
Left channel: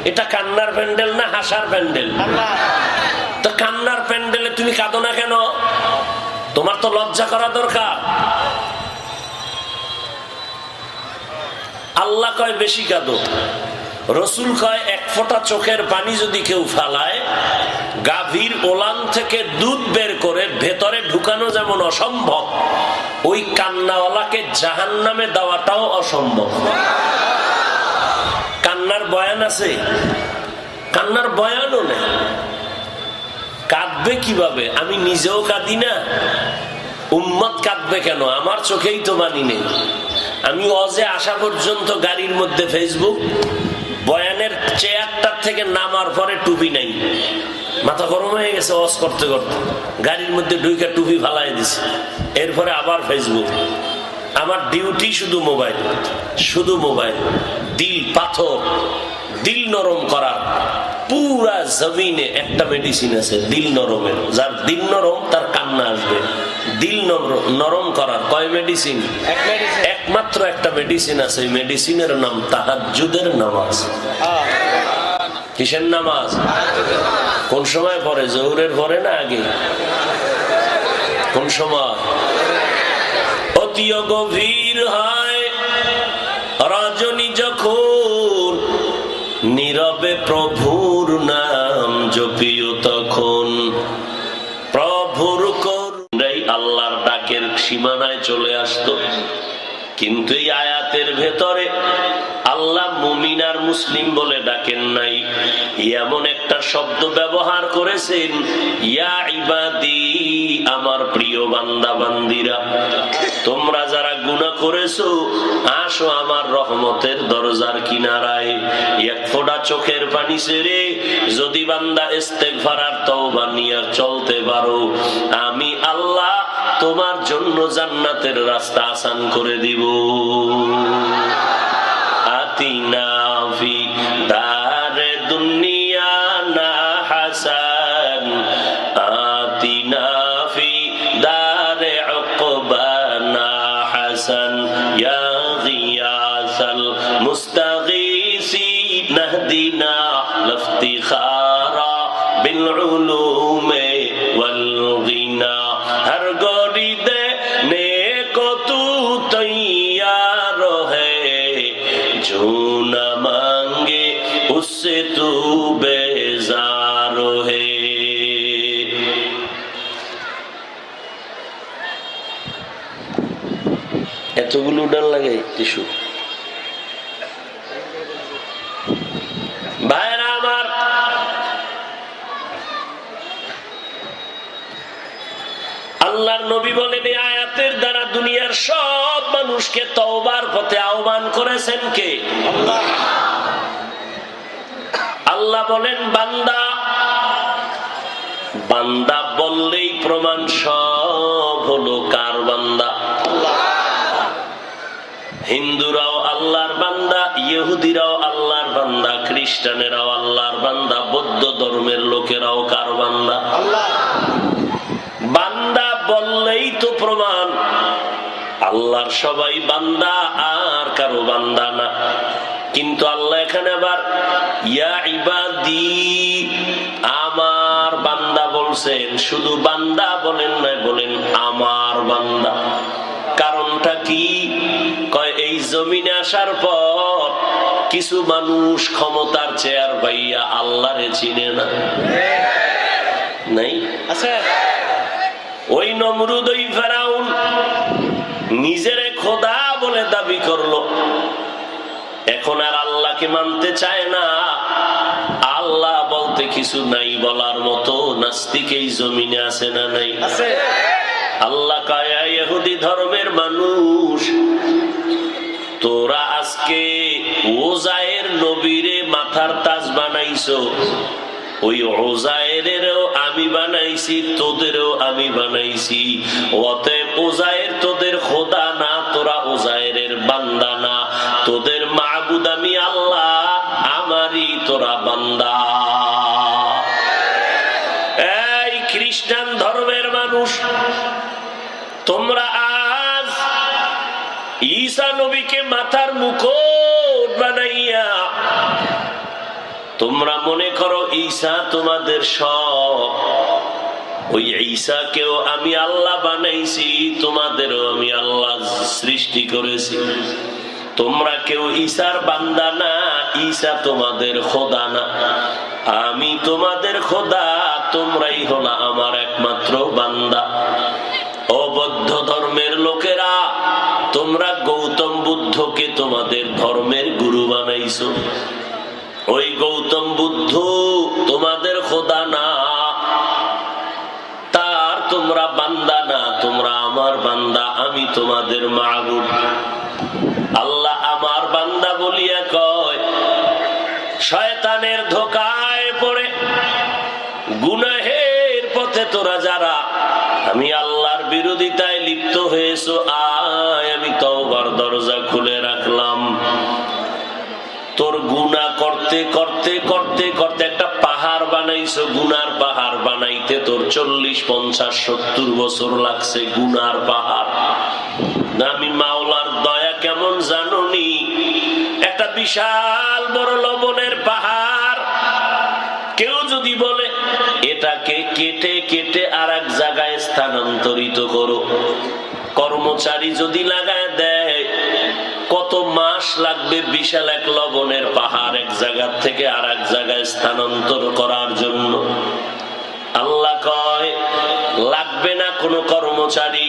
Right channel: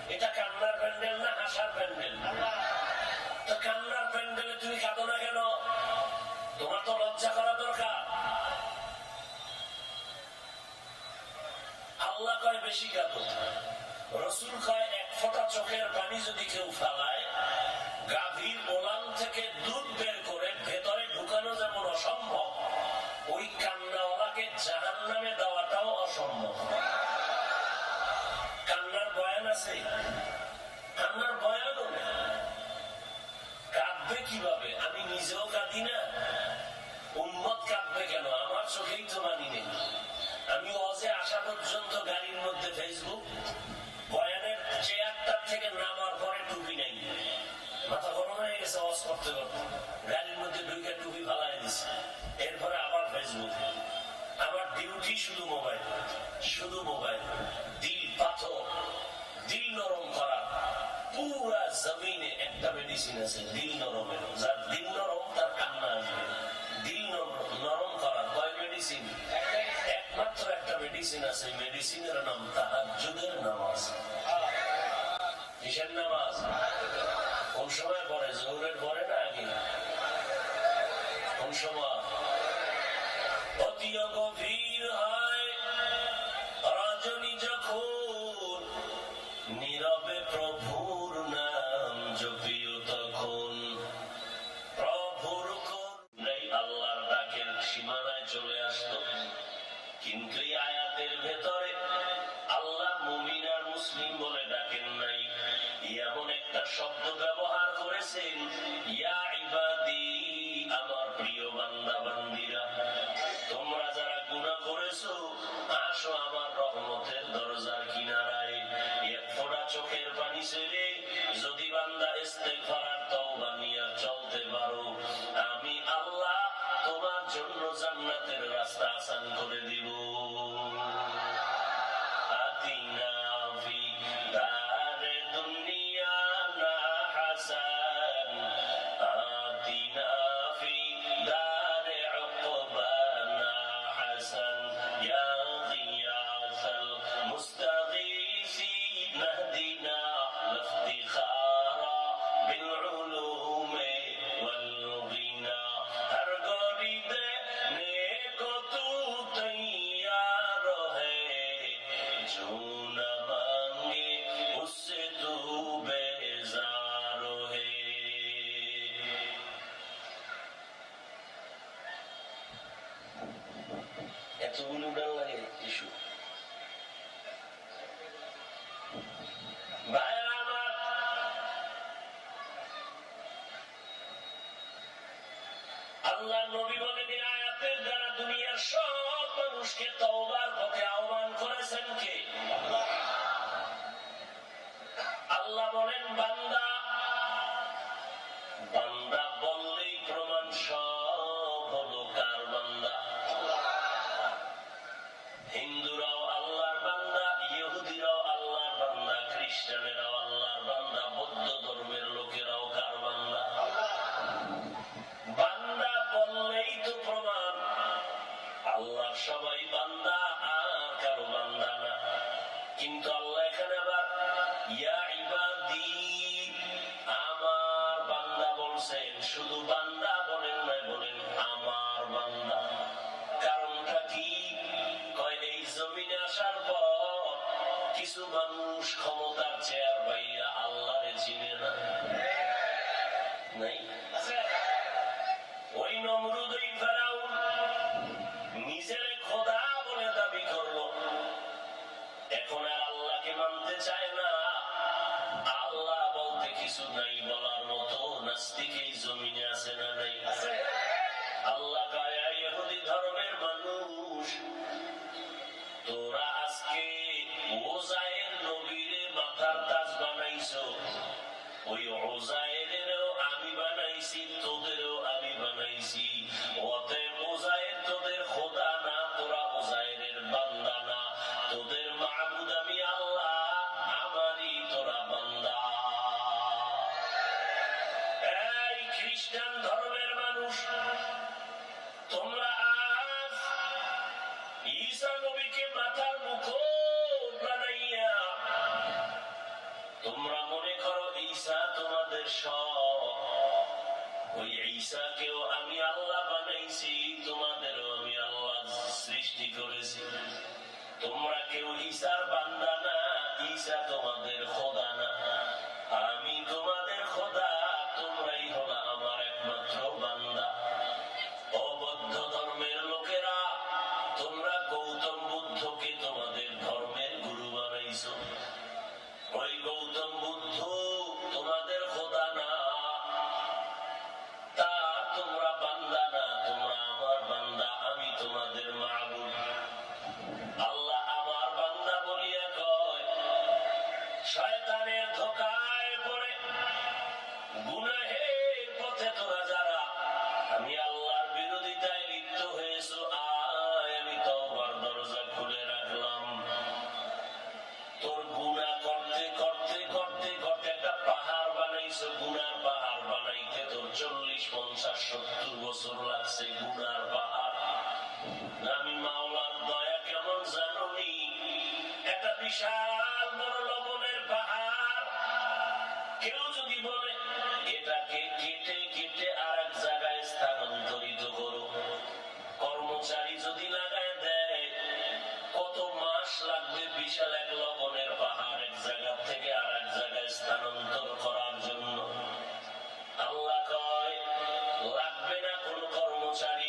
এটা কান্নার প্যান্ডেল না হাসার প্যান্ডেল? তো কান্নার প্যান্ডেলে তুমি কাঁদো না কেন? তোমার তো লজ্জা করা দরকার। আল্লাহ কয় বেশি কাঁদো, রসুল কয় এক ফোঁটা চোখের পানি যদি কেউ ফালায়, গাভীর ওলান থেকে দুধ বের করে ভেতরে ঢুকানো যেমন অসম্ভব, ওই কান্নাওয়ালাকে জাহান্নামে দেওয়াটাও অসম্ভব। কান্নার বয়ান আছে? কান্নার বয়ানও নেই। কাঁদবে কিভাবে? আমি নিজেও কাঁদি না, উম্মত কাঁদবে কেন? আমার চোখেই তো মানি নেই। আমি অজে আসা পর্যন্ত গাড়ির মধ্যে ফেসবুক, বয়ানের চেয়ারটার থেকে নামার পরে টুপি নাই, মাথা গরম হয়ে গেছে ওয়াজ করতে করতে, গাড়ির মধ্যে ঢুকে টুপি ফালাই দিছে, এরপরে আবার ফেসবুক। আমার ডিউটি শুধু মোবাইল, শুধু মোবাইল। দিল পাথর, দিল নরম করার পুরা জমিনে একটা মেডিসিন আছে দিল নরমের। যার দিল নরম তার কান্না আসবে। দিল নরম করার কয় মেডিসিন? একমাত্র একটা মেডিসিন আছে, ওই মেডিসিনের নাম তাহাজ্জুদের নামাজ। কিসের নামাজ? কোন সময় পড়ে? জোহরের পরে না আগে? কোন সময়? অতি গভীর হয় রজনী যখন, নীরবে প্রভুর নাম জপিও তখন। প্রভুর করুণাই আল্লাহর ডাকের সীমানায় চলে আসতো। কিন্তু এই আয়াতের ভেতরে আল্লাহ মুমিন আর মুসলিম বলে ডাকেন নাই, এমন একটা শব্দ ব্যবহার করেছেন, ইয়া ইবাদি, আমার প্রিয় বান্দা বান্দিরা, তোমরা যারা গুনাহ করেছো আসো আমার রহমতের দরজার কিনারায়। এক ফোঁটা চোখের পানি ছেড়ে যদি বান্দা ইস্তেগফার আর তওবা নিয়ে চলতে পারো, আমি আল্লাহ তোমার জন্য জান্নাতের রাস্তা আসান করে দিব। আতিনা ফি দারে দুনিয়া না হাসান, আতিনা ফি দারে উকবা না হাসান, ইয়া গিয়াসাল মুস্তাগীসিন নাহদিনা লাফতিখারা বিল উলুমে ওয়াল গিনা। हर गोरी दे नेको तू तैयार है, जो न मांगे उससे तू बेजार है। এতগুলো উড়ান লাগে টিস্যু। ভাইরা আমার, আল্লাহর নবী বলেন এই আয়াতের দ্বারা দুনিয়ার সব মানুষকে তওবার পথে আহ্বান করেছেন কে? আল্লাহ। আল্লাহ বলেন বান্দা, বান্দা বললেই প্রমাণ সব হলো কার বান্দা? আল্লাহ। হিন্দুরাও আল্লাহর বান্দা, ইহুদিরাও আল্লাহর বান্দা, খ্রিস্টানেরাও আল্লাহর বান্দা, বৌদ্ধ ধর্মের লোকেরাও কার বান্দা? আল্লাহ। বান্দা বললেই তো প্রমাণ আল্লাহর সবাই বান্দা, আর কারো বান্দা না। কিন্তু আল্লাহ এখানে আবার ইয়া ইবাদি, আমার বান্দা বলছেন। শুধু বান্দা বলেন না, বলেন আমার বান্দা। কারণটা কি? কয় এই জমিনে আসার পর কিছু মানুষ ক্ষমতার চেয়ার পাইয়া আল্লাহরে চিনে না। নাই আছে? ওই নমরুদ, ওই ফেরাউন নিজেরে খোদা বলে দাবি করলো, এখন আর আল্লাহকে মানতে চায় না। আল্লাহ বলতে কিছু নাই বলার মতো নাস্তিক এই জমিনে আছে না নাই? আছে। আল্লাহ কয় ইহুদি ধর্মের মানুষ, তোরা আজকে ওজায়ের নবীরে মাথার তাজ বানাইছো, ওই ওজায়েরেরও আমি বানাইছি, তোদেরও আমি বানাইছি। অতএব ওজায়ের তোদের খোদা না, তোরা ওজায়েরের বান্দা না। তোদের মাবুদ আমি আল্লাহ, আমারই তোরা বান্দা। এই খ্রিস্টান ধর্মের মানুষ নবীকে মাথার মুকুট বানাইয়া তোমরা মনে করো ঈসা তোমাদের সব। ওই ঈসাকেও আমি আল্লাহ বানাইছি, তোমাদেরও আমি আল্লাহ সৃষ্টি করেছি। তোমরা কেউ ঈসার বান্দা না, ঈসা তোমাদের খোদা না। আমি তোমাদের খোদা, তোমরাই হলো আমার একমাত্র বান্দা। ও বৌদ্ধ ধর্মের লোকেরা, তোমরা গৌতম বুদ্ধকে তোমাদের ধর্মের গুরু বানাইছো। ওই গৌতম বুদ্ধ তোমাদের খোদা না, তার তোমরা বান্দা না, তোমরা আমার বান্দা, আমি তোমাদের মাবুদ। আল্লাহ আমার বান্দা বলিয়া কয়, শয়তানের ধোঁকায় পড়ে গুনাহের পথে তোরা যারা আমি আল্লাহর বিরোধিতায় লিপ্ত হয়েছো, আয় আমি তওবার দরজা খুলে রাখলাম। তোর গুনাহ করতে করতে করতে করতে একটা পাহাড় বানাইছো, গুনার পাহাড় বানাইতে তোর 40, 50, 70 বছর লাগছে। গুনার পাহাড়। আমি মাওলার দয়া কেমন জানুনি, একটা বিশাল বড় লবণের পাহাড় কেউ যদি বলে এটাকে কেটে কেটে আর এক জায়গায় স্থানান্তরিত করো, কর্মচারী যদি লাগায় দেয়, কত মাস লাগবে বিশাল এক লবণের পাহাড় এক জায়গা থেকে আর এক জায়গায় স্থানান্তর করার জন্য? আল্লাহ কয় লাগবে না কোনো কর্মচারী।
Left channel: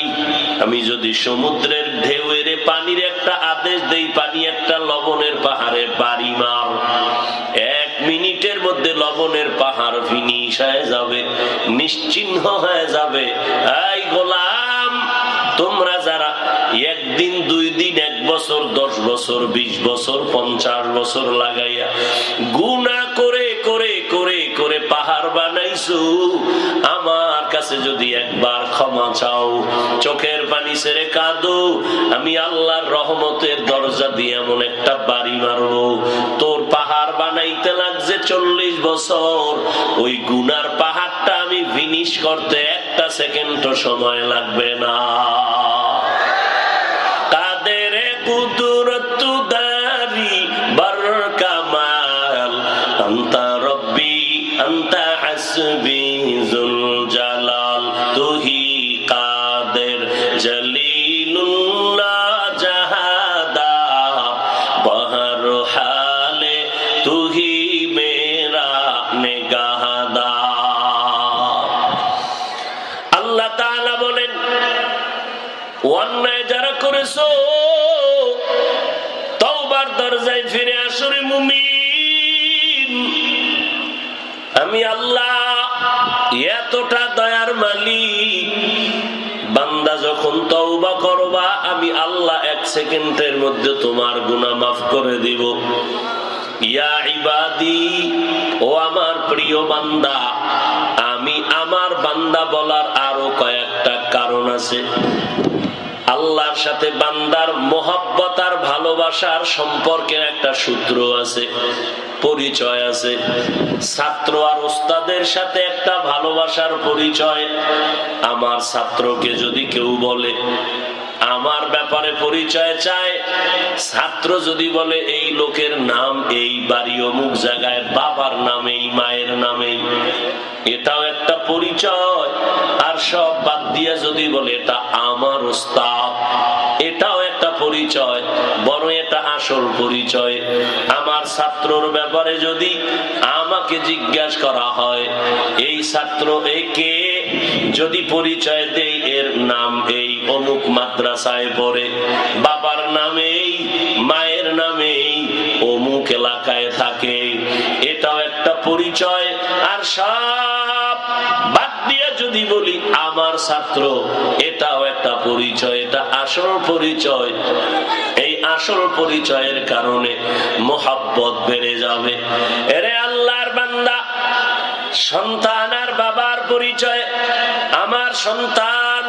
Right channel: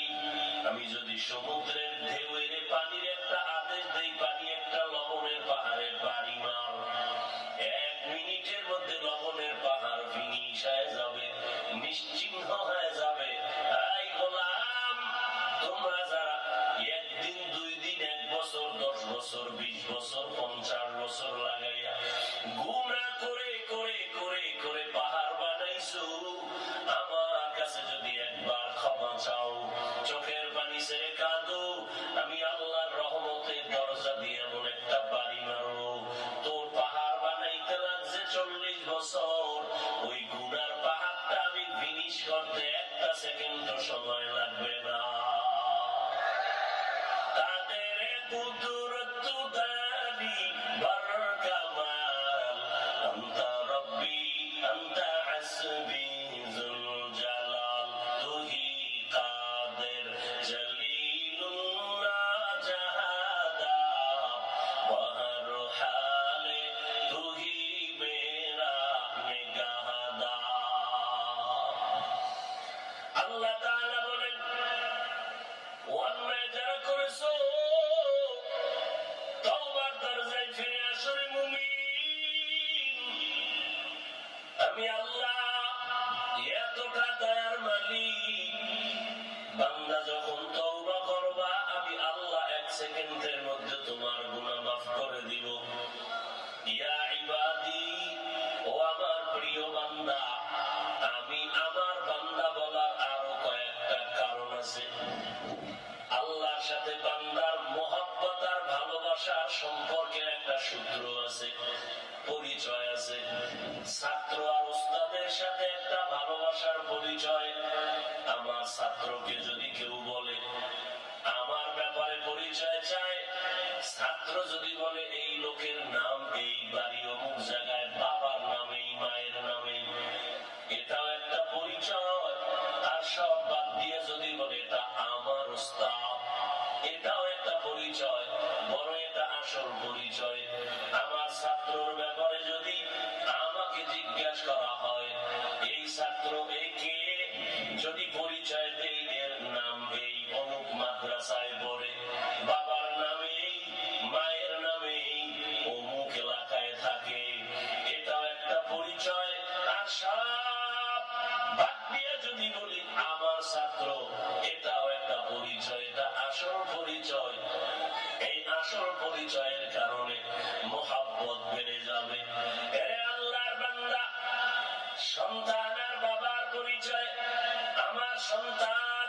আমি যদি সমুদ্রের ঢেউয়ের পানির একটা আদেশ দেই, পানি একটা লবণের পাহাড়ে বাড়ি মার, 1 মিনিটের মধ্যে লবণের পাহাড় ফিনিশ হয়ে যাবে, নিশ্চিহ্ন হয়ে যাবে। এই গোলাম, তোমরা যারা 1 দিন 2 দিন 1 বছর 10 বছর 20 বছর 50 বছর লাগাইয়া গুনাহ করে করে করে করে পাহাড় বানাইছো, আমার কাছে যদি একবার ক্ষমা চাও, চোখের পানি ছেড়ে কাঁদো, আমি আল্লাহর রহমতের দরজা দিয়ে এমন একটা বাড়ি মারবো, তোর পাহাড় বানাইতে লাগছে 40 বছর, ওই গুনার পাহাড়টা আমি ফিনিশ করতে 1 সেকেন্ডও সময় লাগবে না। কাদের কুদরত দারি বরকামাল, আনতা রব্বি আনতা হাসবি যুল জালাল, তুহি কাদের জলিলুল্লাহ জাহাদা, বহর হালে তুহি মেরা নেগাহদা। আল্লাহ তাআলা বলেন, অন্যায় যারা করেছো তওবার দরজায় ফিরে আসো রে মুমিন। আমি আল্লাহ এতটা দয়ার মালিক, বান্দা যখন তওবা করবা আমি আল্লাহ 1 সেকেন্ডের মধ্যে তোমার গুনাহ মাফ করে দিব। ইয়া ইবাদি, ও আমার প্রিয় বান্দা, আমি আমার বান্দা বলার আরো কয়েকটা কারণ আছে। আল্লাহর সাথে বান্দার মোহাব্বত আর ভালোবাসার সম্পর্কের একটা সূত্র আছে, পরিচয় আছে। ছাত্র আর ওস্তাদের সাথে একটা ভালোবাসার পরিচয়। আমার ছাত্রকে যদি কেউ বলে আমার ব্যাপারে পরিচয় চায়, ছাত্র যদি বলে এই লোকের নাম এই, বাড়ি অমুক জায়গায়, বাবার নামেই মায়ের নামেই, এটাও একটা পরিচয়। আর সব বাদ দিয়ে যদি বলে এটা আমার ওস্তাদ, এটাও একটা পরিচয়, বড় এটা আসল পরিচয়। আমার ছাত্রর ব্যাপারে যদি আমাকে জিজ্ঞাসা করা হয় এই ছাত্র একে, যদি পরিচয় দেই এর নাম এই, অমুক মাদ্রাসায় পড়ে, বাবার নামেই মায়ের নামেই, অমুক এলাকায় থাকে, এটাও একটা পরিচয়। আর সব বাদ দিয়ে যদি বলি আমার ছাত্র, এটাও একটা পরিচয়, এটা আসল পরিচয়। এই আসল পরিচয়ের কারণে মোহাব্বত বেড়ে যাবে। এরে আল্লাহর বান্দা, সন্তান আর বাবার পরিচয়, আমার সন্তান,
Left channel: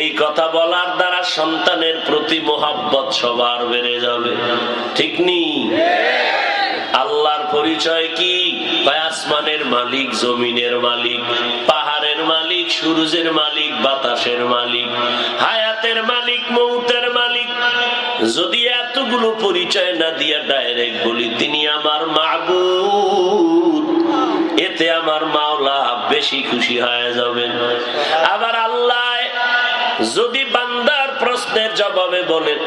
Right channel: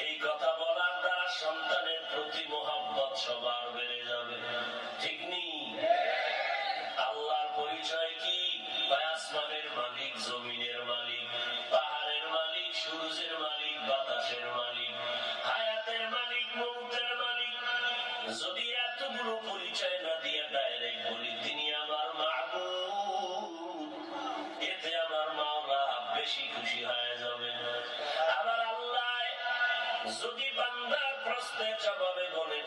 এই কথা বলার দ্বারা সন্তানের প্রতি মোহাব্বত সবার বেড়ে যাবে, ঠিক নি? আল্লাহর পরিচয় কি? আসমানের মালিক, জমিনের মালিক, পাহাড়ের মালিক, সূর্যের মালিক, বাতাসের মালিক, হায়াতের মালিক, মৌতের মালিক, যদি এতগুলো পরিচয় না দিয়া ডাইরেক্ট বলি তিনি আমার মাবুদ, এতে আমার মাওলা বেশি খুশি হয়ে যাবেন। আবার আল্লাহ যদি বান্দার প্রশ্নের জবাবে বলেন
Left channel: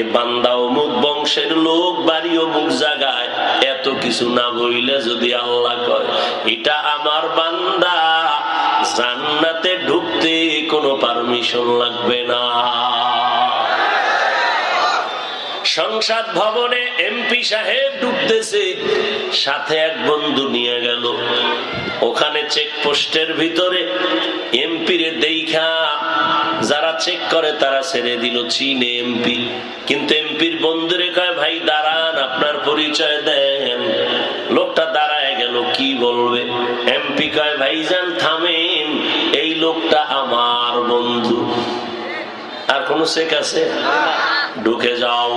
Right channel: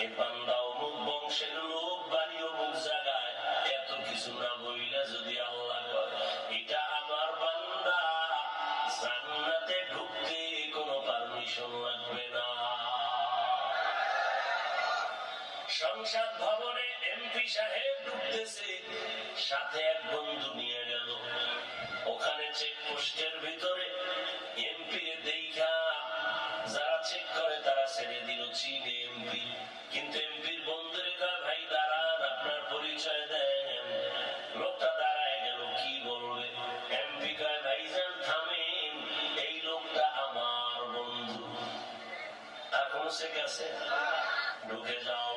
এ বান্দা অমুক বংশের লোক, বাড়ি অমুক জায়গায়, এত কিছু না বইলে যদি আল্লাহ কয় এটা আমার বান্দা, জান্নাতে ঢুকতে কোনো পারমিশন লাগবে না। সংসদ ভবনে এমপি সাহেব ঢুকতেছে, সাথে এক বন্ধু নিয়ে গেল। ওখানে চেকপোস্টের ভিতরে এমপিরে দেখা যারা চেক করে তারা ছেড়ে দিল, চিনে এমপি। কিন্তু এমপির বন্ধুরে কয় ভাই দাঁড়ান, আপনার পরিচয় দেন। লোকটা দাঁড়ায় গেল, কি বলবে? এমপি কয় ভাইজান থামেন, এই লোকটা আমার বন্ধু। আর কোন চেক আছে? ঢুকে যাও।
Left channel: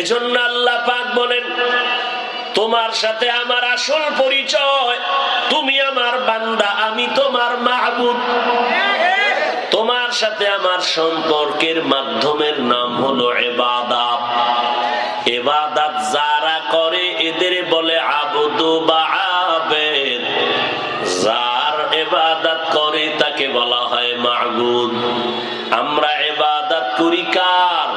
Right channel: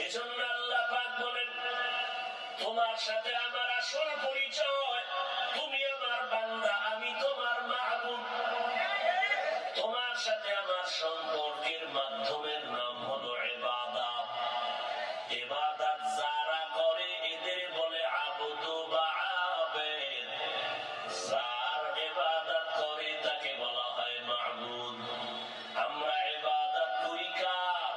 এজন্য আল্লাহ পাক বলেন তোমার সাথে আমার আসল পরিচয়, তুমি আমার বান্দা, আমি তোমার মাহবুব। তোমার সাথে আমার সম্পর্কের মাধ্যমের নাম হলো ইবাদত। ইবাদত যারা করে এদের বলে আবদু বা আবেদ, যার ইবাদত করে তাকে বলা হয় মাবুদ। আমরা ইবাদত করি কার?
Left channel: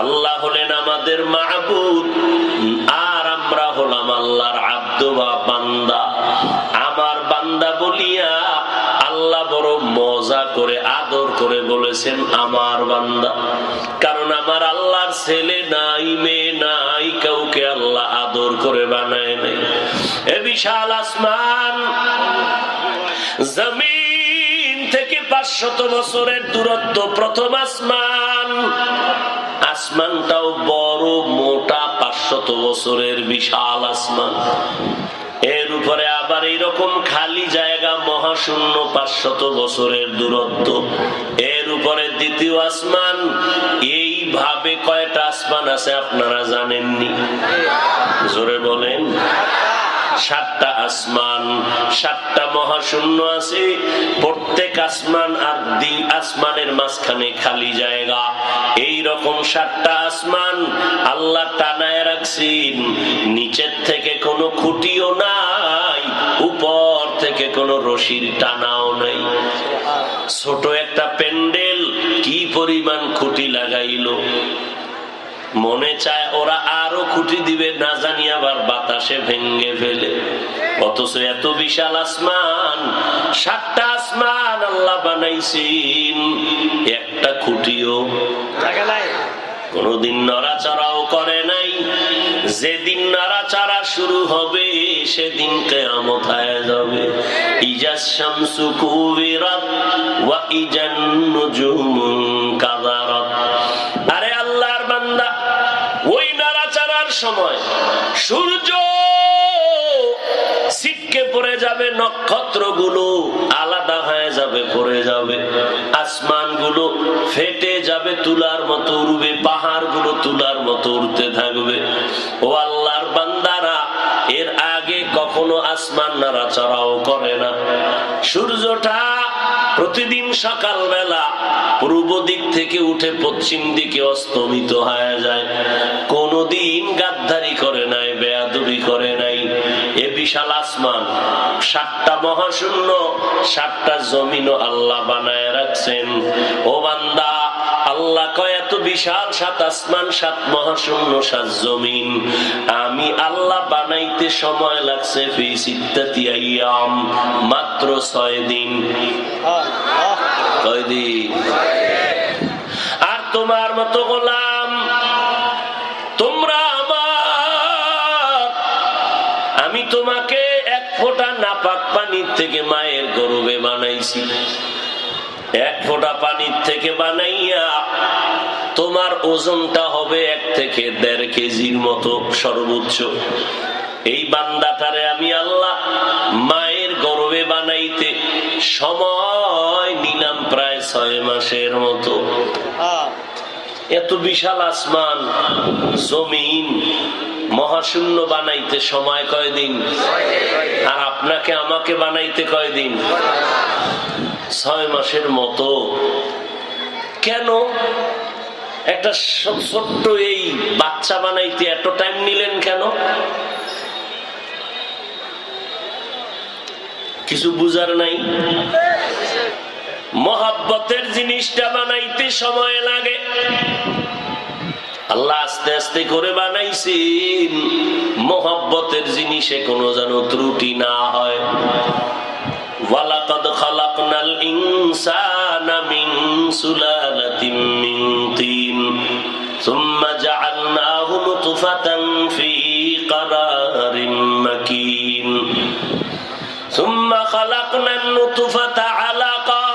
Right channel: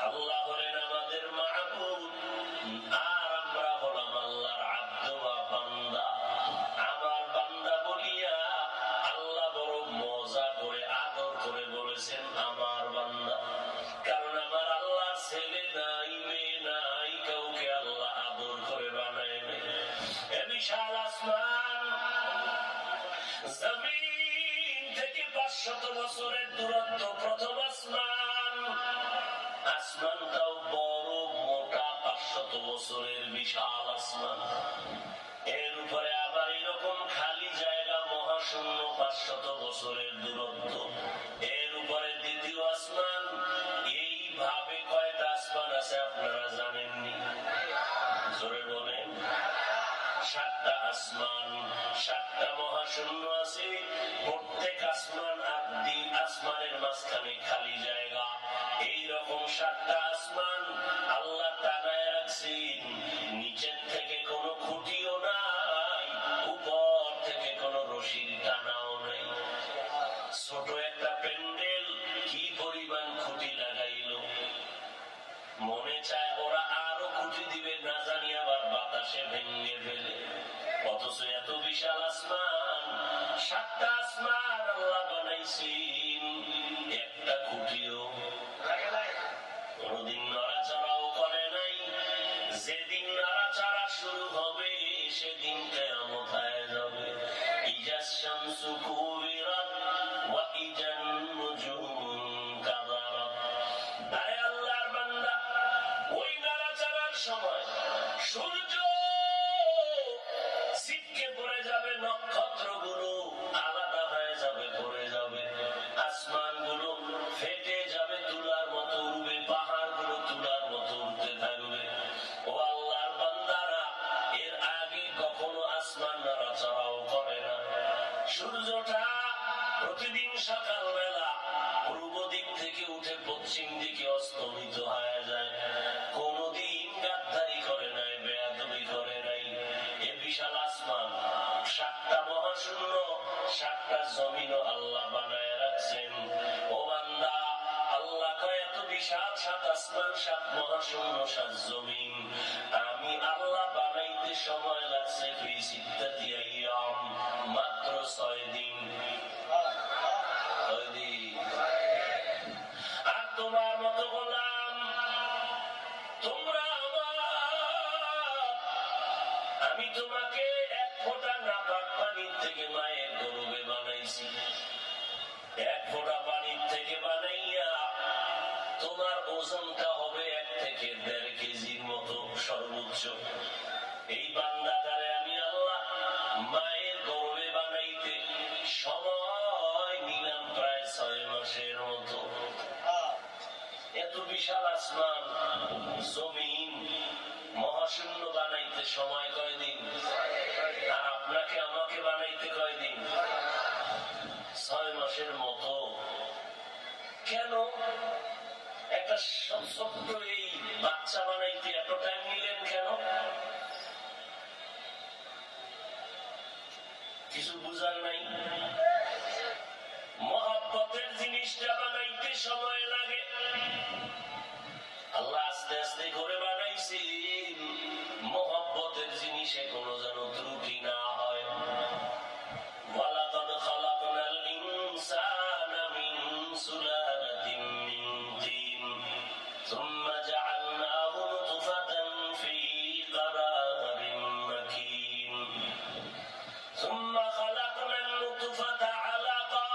আল্লাহ হলেন আমাদের মাবুদ, আর আমরা হলাম আল্লাহর আব্দ বা বান্দা। আমার বান্দা বলিয়া আল্লাহ বড় মজা করে আদর করে বলেছেন আমার বান্দা। কারণ আমার আল্লাহর ছেলে নাই, মেয়ে নাই, কাউকে আল্লাহ আদর করে বানায় নাই। এ বিশাল আসমান, জমিন থেকে 500 বছরের দূরত্ব প্রথম আসমান। আসমানটাও বড় মোটা, 500 বছরের বিশাল আসমান। এর উপরে আবার এইরকম খালি জায়গা মহাশূন্য, 500 বছরের দূরত্ব। এর উপরে দ্বিতীয় আসমান। এইভাবে কয়টা আসমান আছে আপনারা জানেননি? জোরে বলেন। 7টা আসমান, 7টা মহাশূন্য আছে। প্রত্যেক আসমান আর আসমানের মাঝখানে খালি জায়গা। এই রকম 7টা আসমান আল্লাহ টানায় রাখছেন। নিচের থেকে কোনো খুঁটিও নাই, উপর থেকে কোনো রশির টানাও নাই। ছোট একটা প্যান্ডেল কি পরিমাণ খুঁটি লাগাইলো, মনে চায় ওরা আরো খুঁটি দিবে, না জানি আবার বাতাসে ভেঙ্গে ফেলে। অথচ এত বিশাল আসমান, 7টা আসমান আল্লাহ বানাইছেন, একটা খুঁটিও কোনদিন নড়াচড়াও করে নাই। যেদিন নড়াচড়া শুরু হবে সেদিন কিয়ামত হয়ে যাবে। ইজাস শামসু কুবিরাত ওয়া ইজান নুজুমু কাদারাত। আরে আল্লাহর বান্দা, ওই নড়াচড়ার সময় সূর্য ছিটকে পড়ে যাবে, নক্ষত্রগুলো আলাদা হয়ে যাবে, পড়ে যাবে, আসমানগুলো ফেটে যাবে, তুলার মতো উড়বে, পাহাড়গুলো তুলার মতো উড়তে থাকবে। ও আল্লাহর বান্দারা, এর আগে কখনো আসমান নড়াচড়াও করে না। সূর্যটা প্রতিদিন সকালবেলা পূর্ব দিক থেকে উঠে পশ্চিম দিকে অস্তমিত হয়ে যায়। কোনদিন গাদ্দারি করে নাই, বেয়াদবি করে নাই। এ বিশাল আসমান, 7টা মহাশূন্য, 7টা জমিনও আল্লাহ বানায় রাখছেন। ও বান্দা, আল্লাহ কয় এত বিশাল 7 আসমান, 7 মহাশূন্য, 7 জমিন আমি আল্লাহ বানাইতে সময় লাগছে ফি সিত্তাতি আইয়াম, মাত্র 6 দিন। কয় দিন? আর তোমার মতো গোলাম তোমরা আমার, আমি তোমাকে 1 ফোঁটা নাপাক পানির থেকে মায়ের গর্ভে বানাইছি। 1 ফোঁটা পানির থেকে বানাইয়া তোমার ওজনটা হবে 1 থেকে 1.5 কেজির মতো সর্বোচ্চ। এই বান্দাটারে আমি আল্লাহ মায়ের গর্ভে বানাইতে সময় নিলাম প্রায় 6 মাসের মতো। এত বিশাল আসমান, জমিন, মহাশূন্য বানাইতে সময় কয়দিন? আর আপনাকে আমাকে বানাইতে কয়দিন? 6 মাসের মতো। কেন? একটা ছোট্ট এই বাচ্চা বানাইতে এত টাইম নিলেন কেন? কিছু বুঝার নাই? মহব্বতের জিনিসটা বানাইতে সময় লাগে, আল্লাহ আস্তে আস্তে করে বানাইছেন মহব্বতের জিনিসে কোনো যেন ত্রুটি না হয়। ওয়ালাকাদ খালাকনাল ইনসানা মিন সুলালাতিন মিন তিন সুম্মা জাআলনাহু নুতফাতান ফি ক্বারারিন মাকিন সুম্মা খালাকনান নুতফাতা আলাকাহ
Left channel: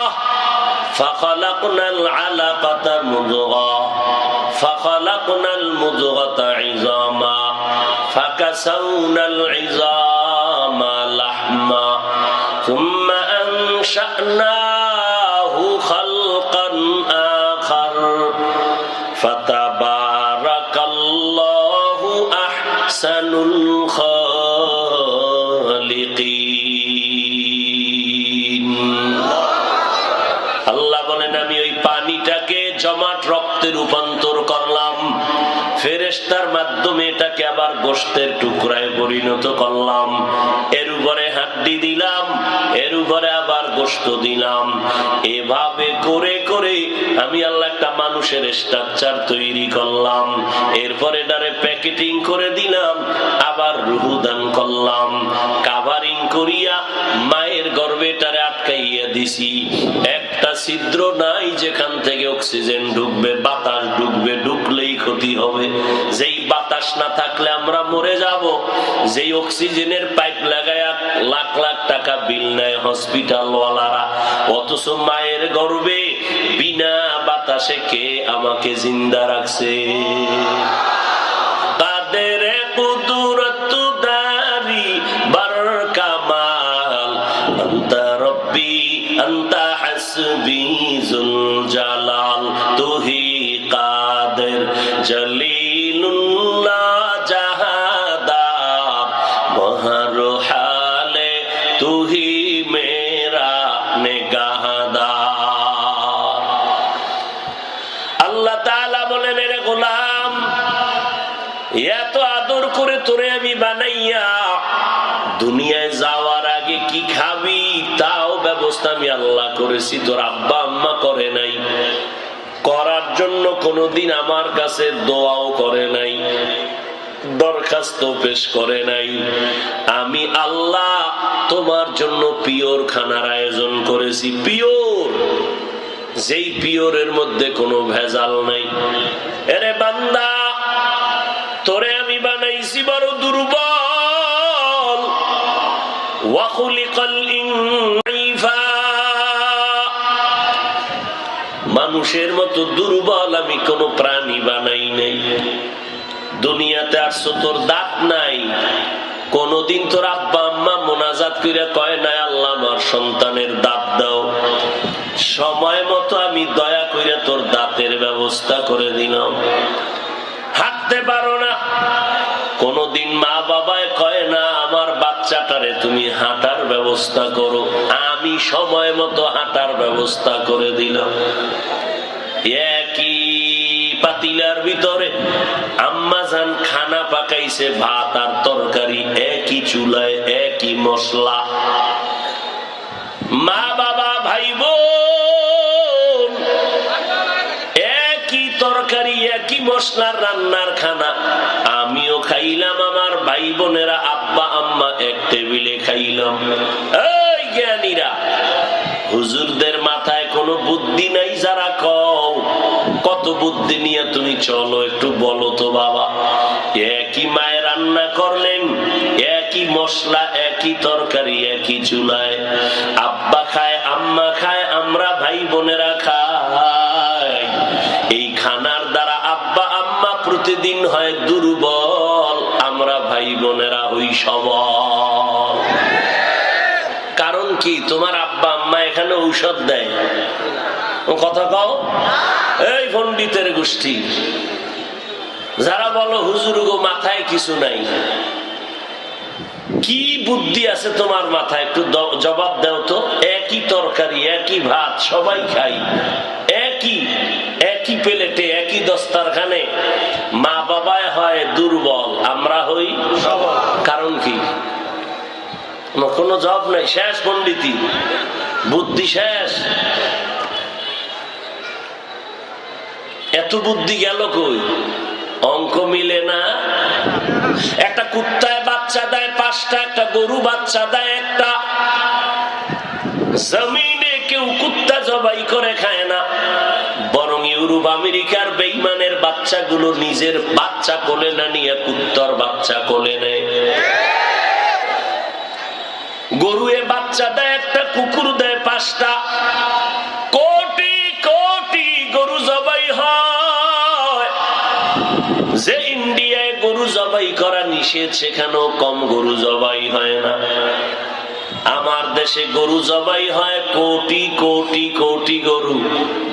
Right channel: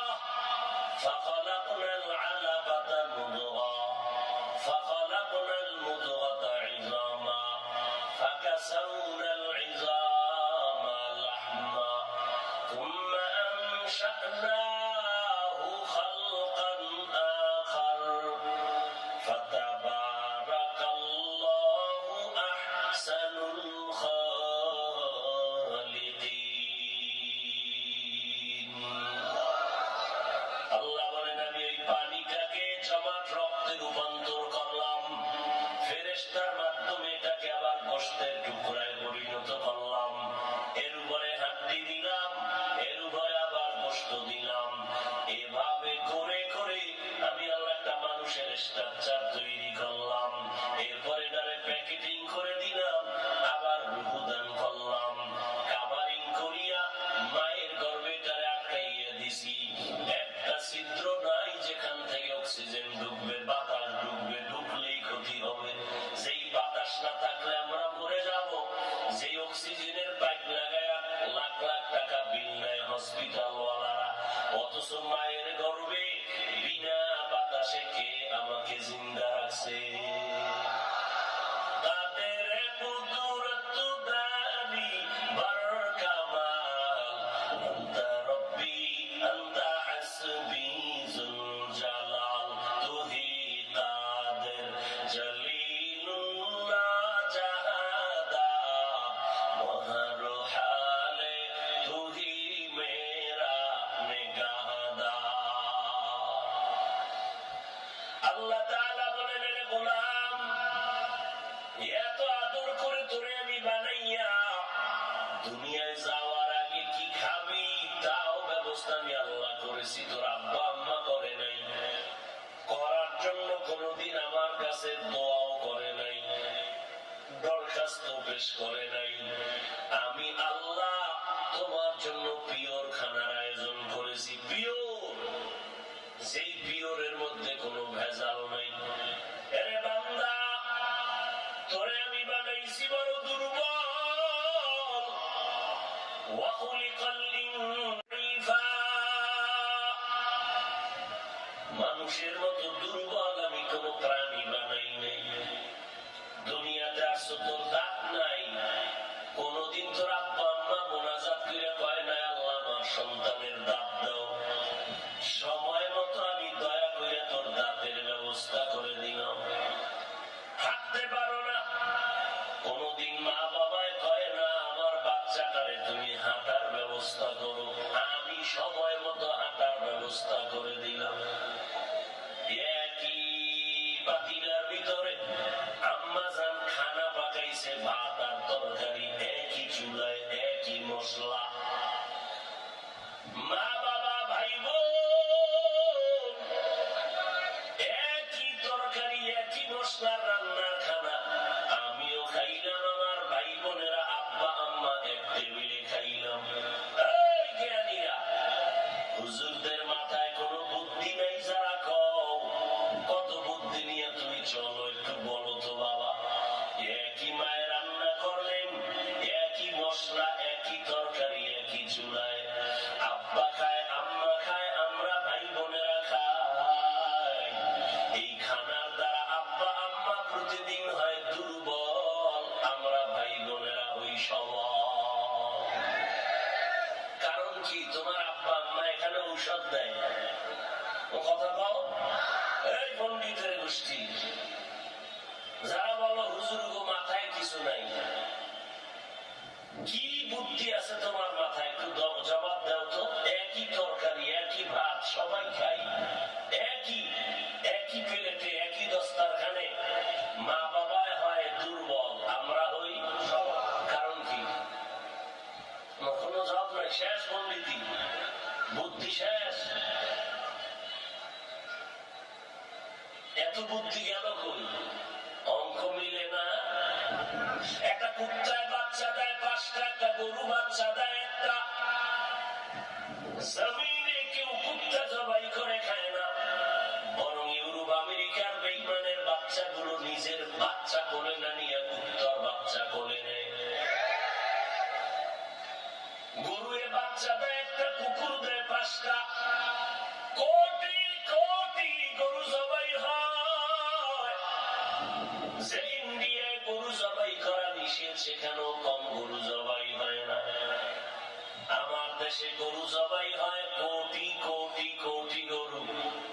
ফাখালাকনাল আলাকাতা মুদগাহ ফাখালাকনাল মুদগাতা ইযামা ফাকাসাউনাল ইযামা লাহমা সুম্মা আনশা'নাহু খালকান আখার ফাতাবারাকাল্লাহু আহসানুল খালিকিন। আল্লাহ বলেন, আমি ওই পানিটাকে জমাট রক্তে রূপান্তর করলাম, ফেরেশতার মাধ্যমে এটাকে আবার গোশতের টুকরায় পরিণত করলাম, এর উপরে হাড্ডি দিলাম, এর উপরে আবার গোশত দিলাম। এভাবে করে করে আমি আল্লাহ একটা মানুষের স্ট্রাকচার তৈরি করলাম, এরপরে এটারে প্যাকেটিং করে দিলাম, আবার রূহ দান করলাম, কাভারিং করিয়া মায়ের গর্ভে এটারে আটকাইয়া দিছি। একটা ছিদ্র নাই যেখান থেকে অক্সিজেন ঢুকবে, বাতাস ঢুকবে, ঢুকলেই ক্ষতি হবে। যেই বাতাস না থাকলে আমরা মরে যাব। যেই অক্সিজেনের পাইপ লাগায়া লাখ লাখ টাকা বিল নেয় হসপিটাল ওয়ালারা, অথচ মায়ের গর্ভে বিনা বাতাসে কে আমাকে জিন্দা রাখছে? তাদের কুদরত দারি বার কামাল আনতা রব্বি আনতা হাসবি জুল জালাল তুহি কাদের জলিলুল্লাহ জাহাদার বহর হালে তুহি মেরা নেগাহদার। আল্লাহ তাআলা বলেন, রে গোলাম, এত আদর করে তোরে আমি বানাইয়া দুনিয়ায় যাওয়ার আগে কি খাবি তাও ব্যবস্থা আমি আল্লাহ করেছি, তোর আব্বা আম্মা করে নাই। করার জন্য কোনোদিন আমার কাছে দোয়াও করে নাই, দরখাস্ত পেশ করে নাই। আমি আল্লাহ তোমার জন্য পিওর খানার আয়োজন করেছি, পিওর, যেই পিওরের মধ্যে কোনো ভেজাল নাই। এরে বান্দা, তোরে আমি বানাইছি বড় দুর্বল। ওয়াখুলিকাল ইনসা, মানুষের মতো দুর্বল আমি কোন প্রাণী বানাই নাই। দুনিয়াতে আসছো, তোর দাঁত নাই, কোনদিন তোর আব্বা আম্মা মোনাজাত করে কয় নাই আল্লাহ আমার সন্তানের দাঁত দাও? সময় মতো আমি দয়া করে তোর দাঁতের ব্যবস্থা করে দিলাম। হাঁটতে পারো না, কোনদিন মা বাবায় কয় না আমার বাচ্চাটারে তুমি হাঁটার ব্যবস্থা করো? আমি সময় মতো হাঁটার ব্যবস্থা করে দিলাম। একই পাতিলার ভিতরে আম্মা জান খানা পাকাইছে, ভাত আর তরকারি, একই চুলায় একই মশলা। মা বাবা ভাই বোন একই তরকারি একই মশলার রান্নার খানা, আমিও খাইলাম, আমার ভাই বোনেরা আব্বা আম্মা এক টেবিলে খাইলাম। এই জ্ঞানীরা, হুজুরদের মাথায় কোনো বুদ্ধি নাই? যারা কও কত বুদ্ধি নিয়ে তুমি চলো, একটু বলো তো বাবা। একই মায়ের রান্না করলেন, একই মশলা, একই তরকারি, একই চুলায়, আব্বা খায়, আম্মা খায়, আমরা ভাই বোনেরা খাই। এই খানার দ্বারা আব্বা আম্মা প্রতিদিন হয় দুর্বল, আমরা ভাই বোনেরা হই সবল। কারণ কি? তোমার আব্বা আম্মা এখানে ঔষধ দেয়, কথা কও। এই পণ্ডিতের গোষ্ঠী যারা বলো হুজুর গো মাথায় কিছু নাই, কি বুদ্ধি আছে তোমার মাথায়? একটু জবাব দাও তো। একই তরকারি, একই ভাত, সবাই খাই, একই একই প্লেটে একই দস্তারখানে মা বাবায় হয় দুর্বল, আমরা হই কারণ কি? কোনো জব নাই, শেষ পণ্ডিতি, বুদ্ধি শেষ। এত বুদ্ধি গেল কই? অঙ্ক মিলে না। একটা কুত্তায় বাচ্চা দেয় 5টা, একটা গরু বাচ্চা দেয় একটা। জমিনে কেউ কুত্তা জবাই করে খায় না, বরং ইউরোপ আমেরিকার বেঈমানের বাচ্চাগুলো নিজের বাচ্চা কোলে না নিয়ে কুত্তার বাচ্চা কোলে নেয়। গরুয়ে বাচ্চা দেয় একটা, কুকুর দেয় 5টা। কোটি কোটি গরু জবাই হয়। যে ইন্ডিয়ায় গরু জবাই করা নিষেধ, সেখানেও কম গরু জবাই হয় না। আমার দেশে গরু জবাই হয় কোটি কোটি কোটি গরু।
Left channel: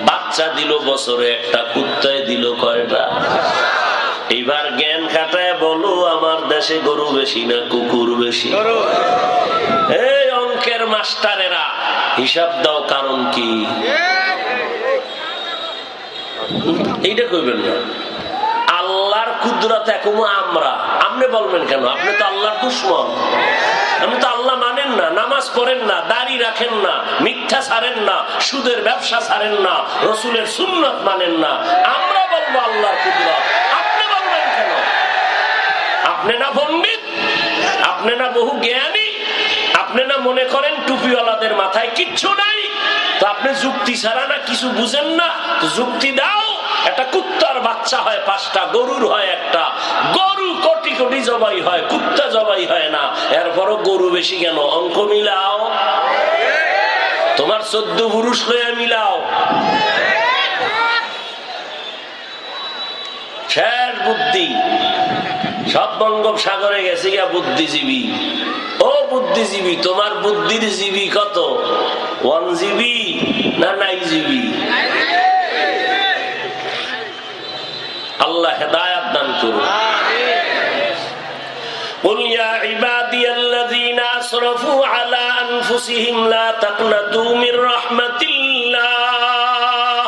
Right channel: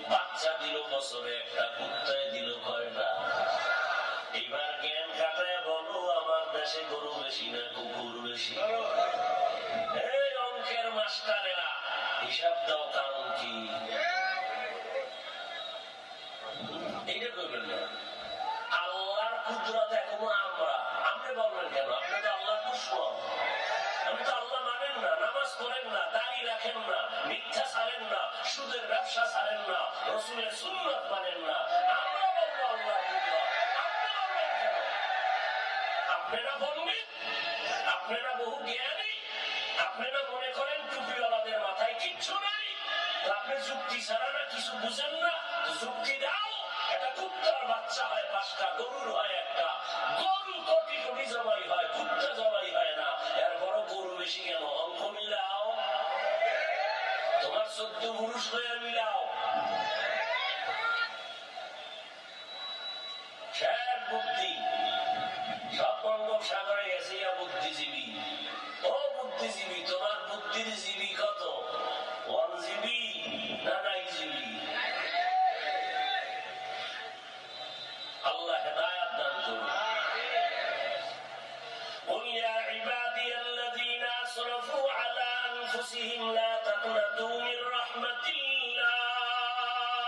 বাচ্চা দিল বছরে একটা, কুত্তায় দিল কয়টা? এবার জ্ঞান খাটায় বলো, আমার দেশে গরু বেশি না কুকুর বেশি? এই অঙ্কের মাস্টারেরা হিসাব দাও, কারণ কি? এইটা কইবেন না। আল্লাহর কুদরত এখন আমরা, আপনি বলবেন কেন? আপনি তো আল্লাহর দুশমন। আপনি তো আল্লাহ মানেন না, নামাজ পড়েন না, দাড়ি রাখেন না, মিথ্যা ছাড়েন না, সুদের ব্যবসা ছাড়েন না, রসুলের সুন্নত মানেন না। আমরা বলবো আল্লাহর কুদরত, আপনি বলবেন কেন? আপনি না পণ্ডিত, আপনি না বহু জ্ঞানী, আপনি না মনে করেন টুপিওয়ালাদের মাথায় কিচ্ছু নাই? তো আপনি যুক্তি ছাড়া না কিছু বুঝেন না, তো যুক্তি দাও। একটা কুত্তার বাচ্চা হয় 5টা, গরুর হয় একটা। গরু কোটি কোটি জবাই হয়, কুত্তা জবাই হয় না। এরপরও গরু বেশি কেন? অঙ্ক মিলাও, তোমার 14 পুরুষ লইয়া মিলাও। শেষ বুদ্ধি, সব বঙ্গোপসাগরে গেছে গিয়া বুদ্ধিজীবী। ও বুদ্ধিজীবী, তোমার বুদ্ধির জীবী কত? 1 GB না 9 GB? আল্লাহ হেদায়েত দান করুন। قل يا عبادي الذين اسرفوا على انفسهم لا تقنطوا من رحمة الله।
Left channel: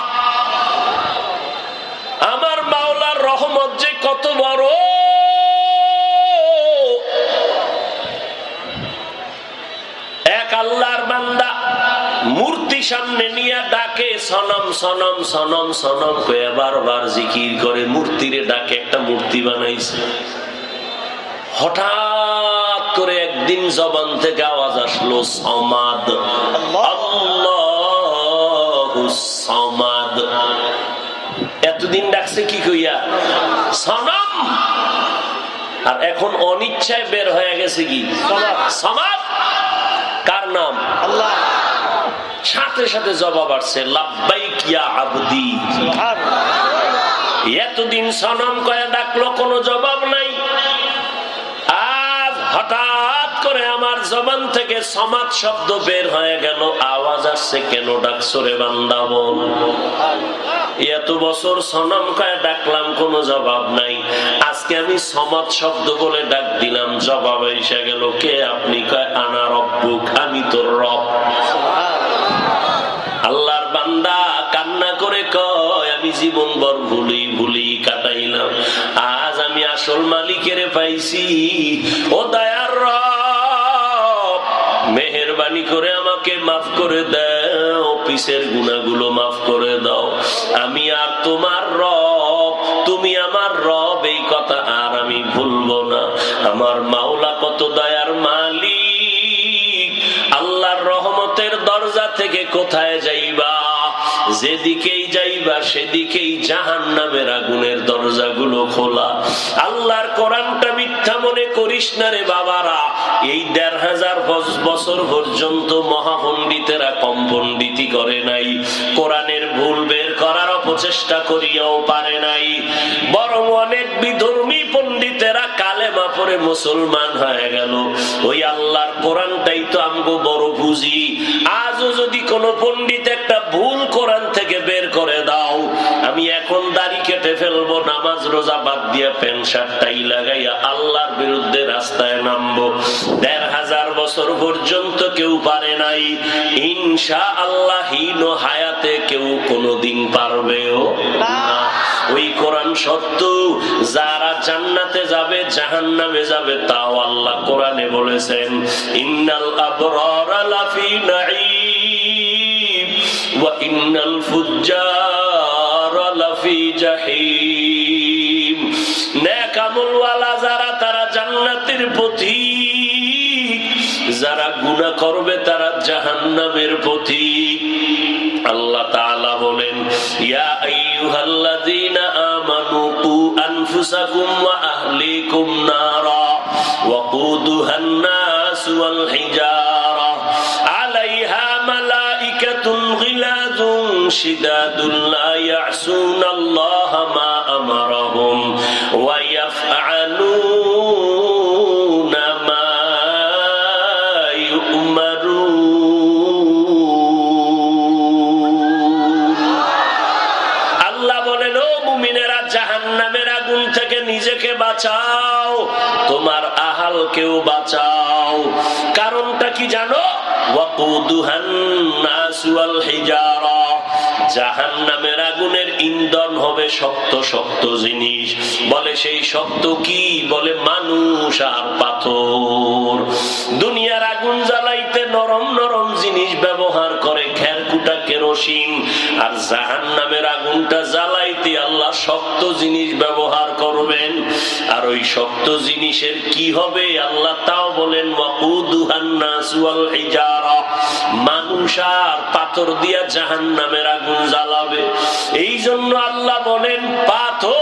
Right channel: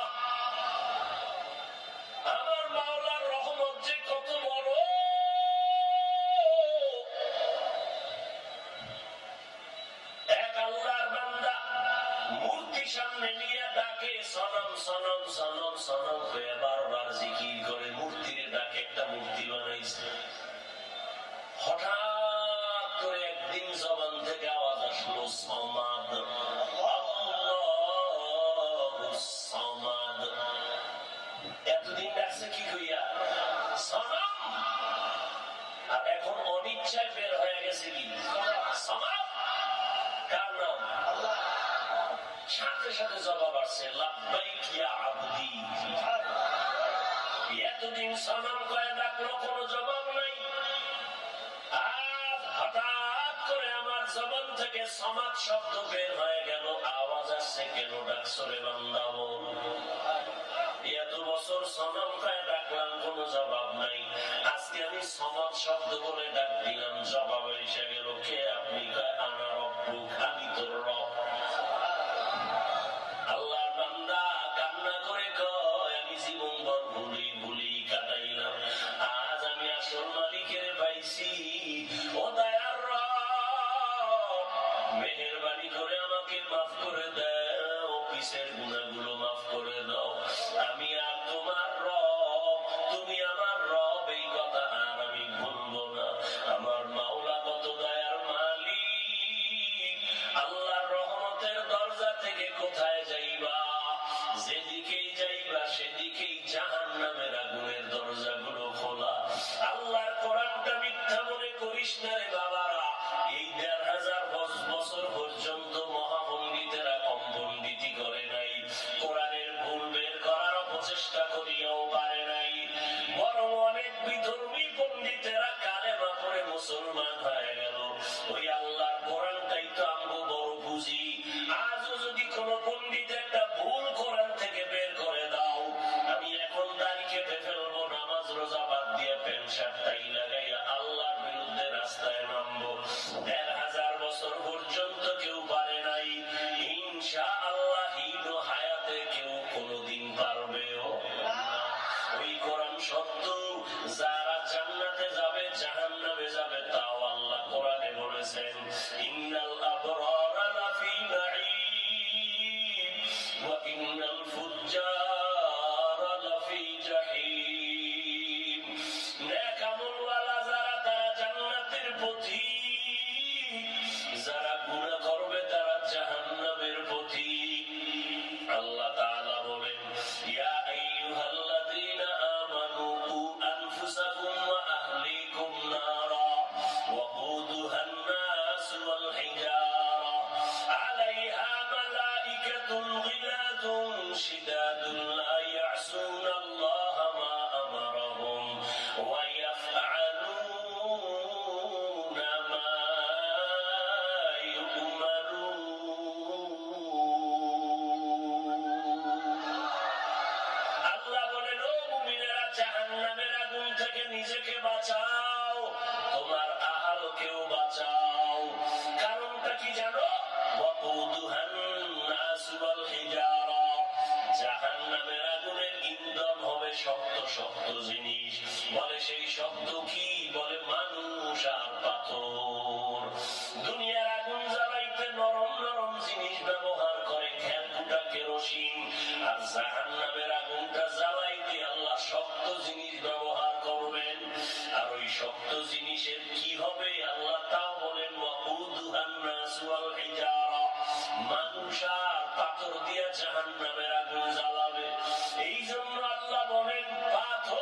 আমার মাওলার রহমত যে কত বড়! এক আল্লাহর বান্দা মূর্তি সামনে নিয়ে ডাকে সনম সনম সনম সনম কয়ে বারবার জিকির করে, মূর্তিরে ডাকে। একটা মূর্তি বানাইছে। হঠাৎ করে একদিন জবান থেকে আওয়াজ আসলো, সমাদ, আল্লাহু সমাদ। এতদিন ডাকছে কি কইয়া? সনম। আর এখন অনিচ্ছায় বের হয়ে গেছে কি? সমাদ। কার নাম? আল্লাহ। সাথে সাথে জবাব আসছে, লাব্বাইক ইয়া আবদি। এতদিন সনম কয়ে ডাকলো, কোনো জবাব নাই। আজ হঠাৎ করে আমার জবান থেকে সমাদ শব্দ বের হয়ে গেল, আওয়াজ আসছে, কেন ডাকছো রে বান্দা বল? এত বছর সনম কয়ে ডাকলাম, কোনো জবাব নাই। আজকে আমি সমাদ শব্দ বলে ডাক দিলাম, জবাব এসে গেল। কে আপনি? কয় আনা রব্বুক, আমি তোর রব। আল্লাহর বান্দা কান্না করে কয়, আমি জীবন ভর ভুলি ভুলি কাটাইলাম, আজ আমি আসল মালিকের পাইছি। ও দয়ার রব, মেহেরবানি করে আমাকে মাফ করে দাও, পিছের গুনাহগুলো মাফ করে দাও। আমি আর তোমার রব, তুমি আমার রব, এই কথা আর আমি ভুলবো না। আমার মাওলা কত দয়ার মালিক। আল্লাহর রহমতের দরজা থেকে কোথায় যাইবা? যেদিকেই যাইবা সেদিকেই জাহান্নামের আগুনের দরজাগুলো খোলা। আল্লাহর কোরআনটা মিথ্যা মনে করিস না রে বাবারা। এই 1500 বছর পর্যন্ত মহাপণ্ডিতেরা কম পণ্ডিতি করে নাই, কোরআনের ভুল বের করার অপচেষ্টা করিয়াও পারে নাই। বরং অনেক বিধর্মী পণ্ডিতেরা কালেমা পড়ে মুসলমান হয়ে গেল। ওই আল্লাহর কোরআনটাই তো আমগো বড় পুঁজি। আজও যদি কোনো পণ্ডিত একটা ভুল কোরআন থেকে বের করে দাও, আমি এখন দাড়ি কেটে ফেলবো, নামাজ রোজা বাদ দিয়ে প্যান্ট শার্ট টাই লাগাইয়া আল্লাহর বিরুদ্ধে রাস্তায় নামবো। 1500 বছর পর্যন্ত কেউ পারে নাই। ইনশাআল্লাহ হীন হায়াতে কেউ কোনোদিন পারবেও না। ওই কোরআন সত্য। যারা জান্নাতে যাবে জাহান্নামে যাবে তাও আল্লাহ কোরআনে বলেছেন, ইন্নাল আবরারা লাফি নাঈম ওয়া ইন্নাল ফুজ্জারা লাফি জাহিম। নেক আমলওয়ালা যারা তারা জান্নাতের পথিক, যারা গুনাহ করবে তারা জাহান্নামের পথিক। আল্লাহ তাআলা বলেন, ইয়া আইয়ুহাল্লাযীনা আমানু কু আনফুসাকুম ওয়া আহলিকুম নারা ওয়াকুদুহান নাস ওয়াল হিজারা আলাইহা মালাইকাতুন গিলাযুন শিদাদুন লা ইয়াসুনাল্লাহা মা আমারাহুম ওয়া ইয়াফআলুনা মা ইউমারুন। আল্লাহ বলেন, ও মুমিনেরা, জাহান্নামের আগুন থেকে নিজেকে বাঁচাও, তোমার আহালকেও বাঁচাও। কারণটা কি জানো? ওয়াকুদুহান নাস ওয়াল হিজারা, জাহান্নামের আগুনের ইন্ধন হবে শক্ত শক্ত জিনিস। বলে সেই শক্ত কি? বলে মানুষ আর পাথর। দুনিয়ার আগুন জ্বালাইতে নরম নরম জিনিস ব্যবহার করে, খেরকুটা কেরোসিন। আর জাহান্নামের আগুনটা জ্বালাইতে আল্লাহ শক্ত জিনিস ব্যবহার করবেন। আর ওই শক্ত জিনিসের কি হবে আল্লাহ তাও বলেন, ওয়াকুদুহান নাস ওয়াল হিজারা, মানুষ আর পাথর দিয়া জাহান্নামের আগুন জ্বালাবে। এই জন্য আল্লাহ বলেন, পাথর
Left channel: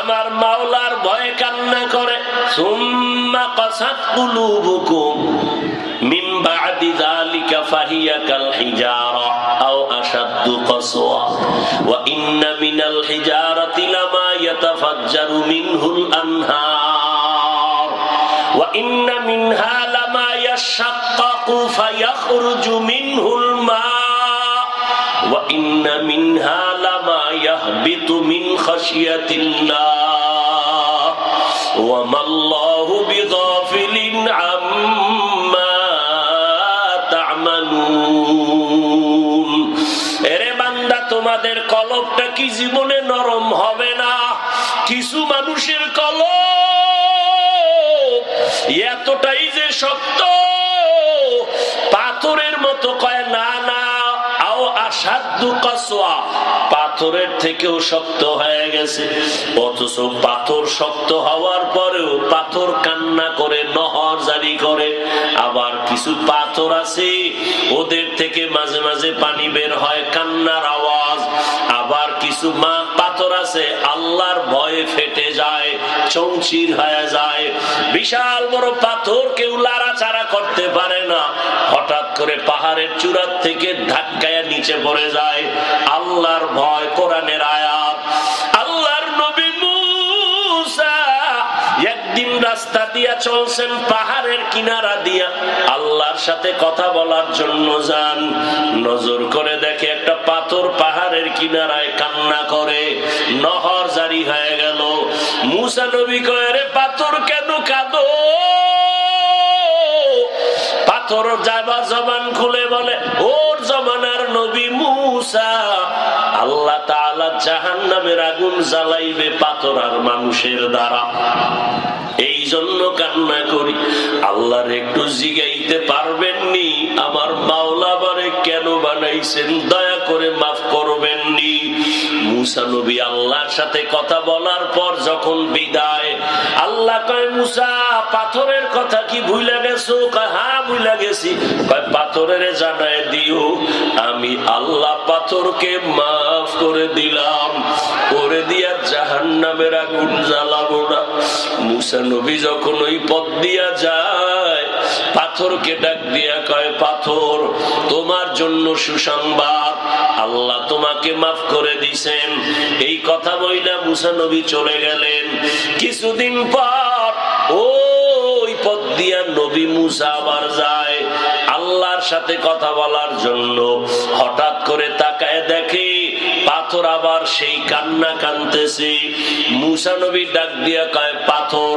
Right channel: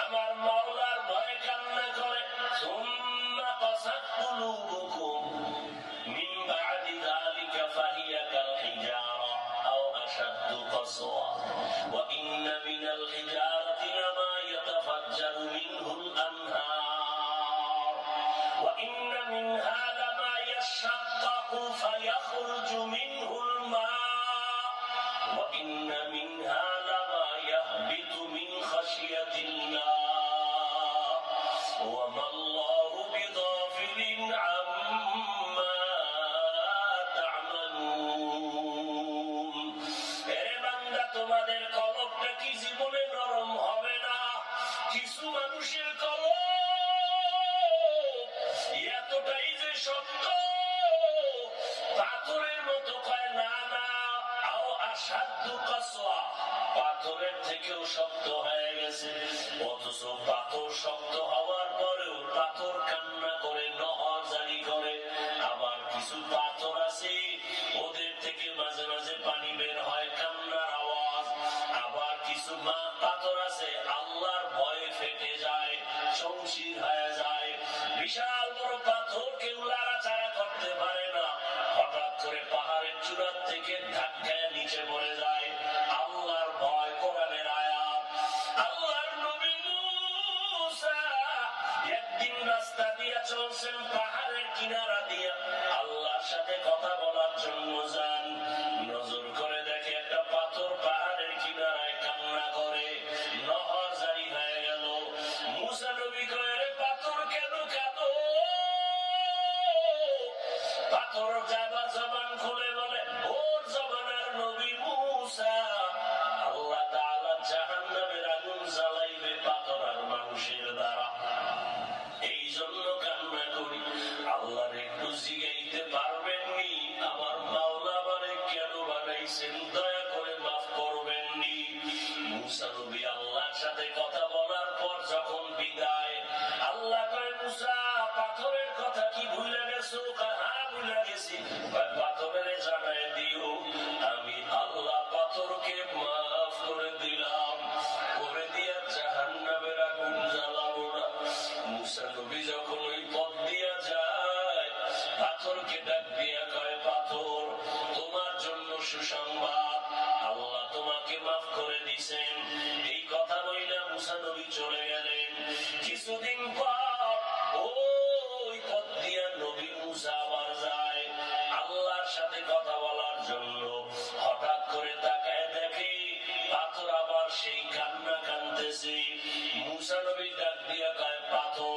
আমার মাওলার ভয়ে কান্না করে। সুম্মা কাসাত কুলুবুকুম মিন বা'দি যালিকা ফাহিয়া কাল হিজারা আও আশাদ্দু কাসওয়া ওয়া ইন্না মিনাল হিজারাতি লামা ইয়াতাফাজ্জারু মিনহুল আনহার ওয়া ইন্না মিনহা লামা ইয়াশাক্কাকু ফায়াখরুজু মিনহুল মা ওয়া ইন্না মিনহা লামা ইয়াহবিতু মিন খাশিয়াতিল্লাহ ওয়া মাল্লাহু বিগাফিলিন আম্মা তা'মালুন। এরে বান্দা, তোমাদের কলবটা কি জীবনে নরম হবে না? কিছু মানুষের কলব এতটাই যে শক্ত, পাথরের মতো। কয় না না, আও আশাদ্দু কাসওয়া, পাথরের থেকেও শক্ত হয়ে গেছে। অথচ পাথর শক্ত হওয়ার পরেও পাথর কান্না করে, নহর জারি করে। আবার কিছু পাথর আছে, ওদের থেকে মাঝে মাঝে পানি বের হয়, কান্নার আওয়াজ। আবার কিছু পাথর আছে আল্লাহর ভয়ে ফেটে যায়, চৌচির হয়ে যায়। বিশাল বড় পাথর কেউ লাড়াচাড়া করতে পারে না, হঠাৎ করে পাহাড়ের চূড়ার থেকে ধাক্কায় নিচে পড়ে যায়। আল্লাহর ভয়, কোরআনের আয়াত। আল্লাহর নবী মুসা একদিন রাস্তা দিয়া চলছেন, পাহাড়ের কিনারা দিয়া আল্লাহর সাথে কথা বলার জন্য যান। নজর করে দেখে একটা পাথর পাহাড়ের কিনারায় কান্না করে, নহর জারি হয়ে গেল। মুসা নবী কয়, রে পাথর কেন কাঁদো? পাথর জবান খুলে বলে, ওর জমানার নবী মুসা, আল্লাহ তাআলা জাহান্নামের আগুন জ্বালাইবে পাথর আর মানুষের দ্বারা। এই জন্য কান্না করি। আল্লাহর একটু জিগাইতে পারবেননি, আমার মাওলা বারে কেন বানাইছেন? দয়া করে মাফ করবেননি। মুসা নবী আল্লাহর সাথে কথা বলার পর যখন বিদায়, আল্লাহ কয়, মুসা পাথরের কথা কি ভুলে গেছো? কয়, হ্যাঁ ভুলে গেছি। কয়, পাথরের জানায় দিও আমি আল্লাহ পাথরকে মাফ করে দিলাম, করে দিয়া জাহান্নামের আগুন জ্বালাবো না। মুসা নবী যখন ওই পথ দিয়া যায়, পাথরকে ডাক দিয়া কয়, পাথর তোমার জন্য সুসংবাদ, আল্লাহ তোমাকে মাফ করে দিছেন। এই কথা বইলা মুসা নবী চলে গেলেন। কিছুদিন পর ওই পথ দিয়া নবী মুসা আবার যায় আল্লাহর সাথে কথা বলার জন্য। হঠাৎ করে তাকায় দেখে পাথর আবার সেই কান্না কানতেছে। মুসা নবী ডাক দিয়া কয়, পাথর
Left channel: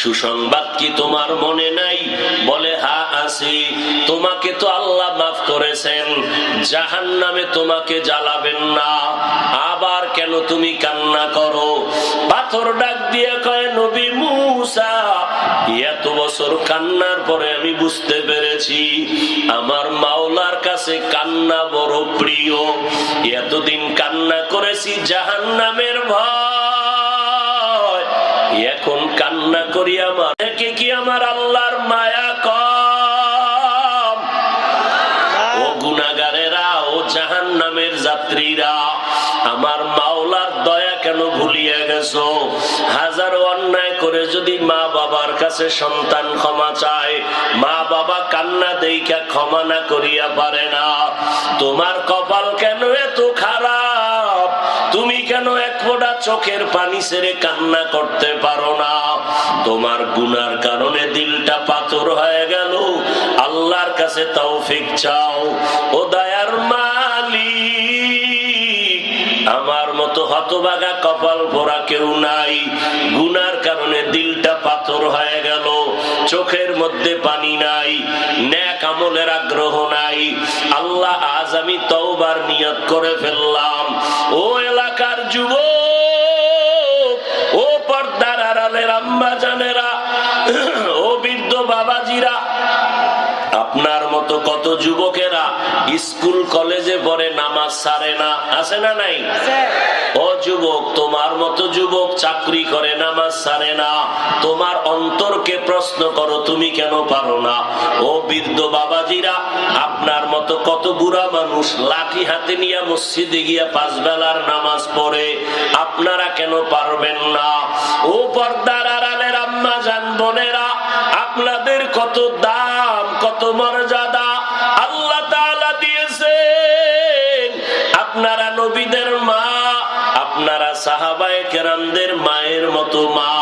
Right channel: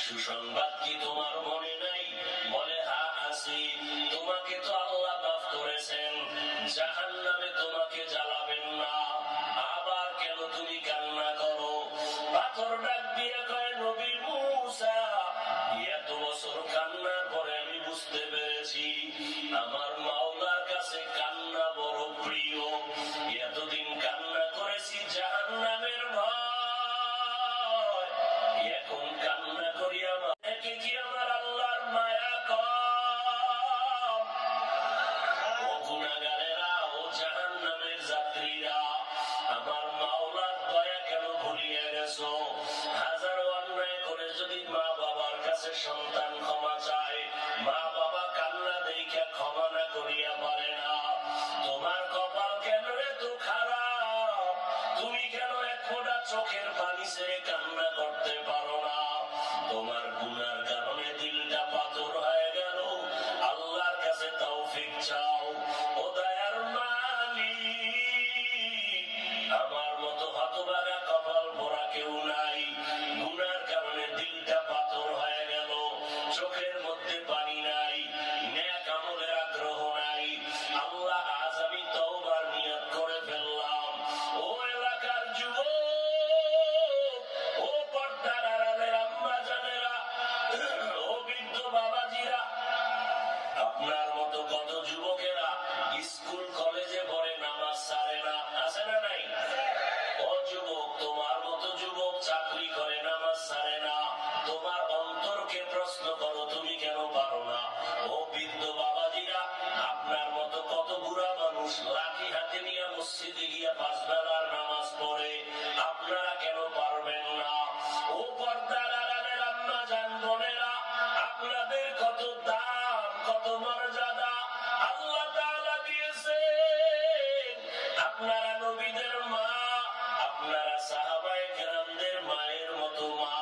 সুসংবাদ কি তোমার মনে নাই? বলে হ্যাঁ আছে। তোমাকে তো আল্লাহ মাফ করেছেন, জাহান্নামে তোমাকে জ্বালাবেন না, আবার কেন তুমি কান্না করো? পাথর ডাক দিয়ে কয়, নবী মুসা, এত বছর কান্নার পরে আমি বুঝতে পেরেছি আমার মাওলার কাছে কান্না বড় প্রিয়। এতদিন কান্না করেছি জাহান্নামের ভয়, এখন কান্না করি আমার থেকে কি আমার আল্লাহর মায়া কম? ও গুনাহগারেরা, ও জাহান্নামের যাত্রীরা, আমার মাওলার দয়া কেন ভুলিয়ে গেছো? হাজারো অন্যায় করে যদি মা বাবার কাছে সন্তান ক্ষমা চায়, মা বাবা কান্না দেইখা ক্ষমা না করিয়া পারে না। তোমার কপাল কেন এত খারাপ? তুমি কেন এক ফোঁটা চোখের পানি ছেড়ে কান্না করতে পারো না? তোমার গুনার কারণে দিলটা পাথর হয়ে গেল। আল্লাহর কাছে তৌফিক চাও। ও দয়ার মালিক, আমার মতো হতভাগা কপাল ভরা কেউ নাই। গুনার কারণে দিলটা পাথর হয়ে গেল, চোখের মধ্যে পানি নাই, নেক আমলের আগ্রহ নাই। আল্লাহ, আজ আমি তওবার নিয়ত করে ফেললাম। ও এলাকার যুবক, ও পর্দার আড়ালের আম্মা জানেরা, ও বৃদ্ধ বাবাজিরা, আপনার মতো কত যুবকেরা স্কুল কলেজে পড়ে নামাজ ছাড়ে না, আছে না নাই? ও যুবক, তোমার মতো যুবক চাকরি করে নামাজ ছাড়ে না। তোমার অন্তরকে প্রশ্ন করো, তুমি কেন পারো না? ও বৃদ্ধ বাবাজিরা, আপনার মতো কত বুড়া মানুষ লাঠি হাতে নিয়ে মসজিদে গিয়া 5 বেলার নামাজ পড়ে, আপনারা কেন পারবেন না? ও পর্দার আড়ালের আম্মা জান বোনেরা, আপনাদের কত দাম, কত মর্যাদা আল্লাহ তাআলা দিয়েছেন। আপনারা নবীদের মা, আপনারা সাহাবায়ে কেরামদের মায়ের মতো মা,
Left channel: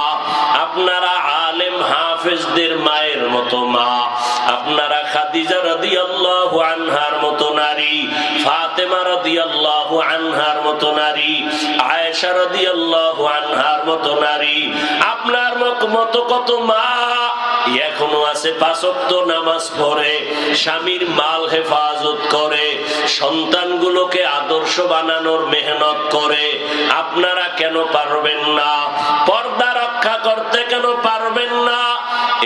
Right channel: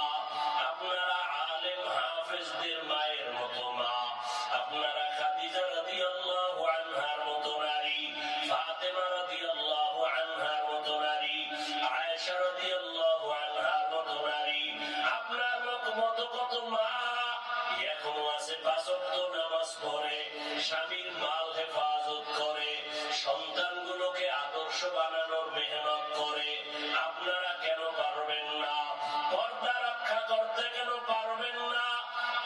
আপনারা আলেম হাফেজদের মায়ের মতো মা, আপনারা খাদিজা রাদিয়াল্লাহু আনহার মতো নারী, ফাতেমা রাদিয়াল্লাহু আনহার মতো নারী, আয়েশা রাদিয়াল্লাহু আনহার মতো নারী, আপনার মতো কত মা এখনো আছে, 5 ওয়াক্ত নামাজ পড়ে, স্বামীর মাল হেফাজত করে, সন্তানগুলোকে আদর্শ বানানোর মেহনত করে। আপনারা কেন পারবেন না? পর্দা রক্ষা করতে কেন পারবেন না?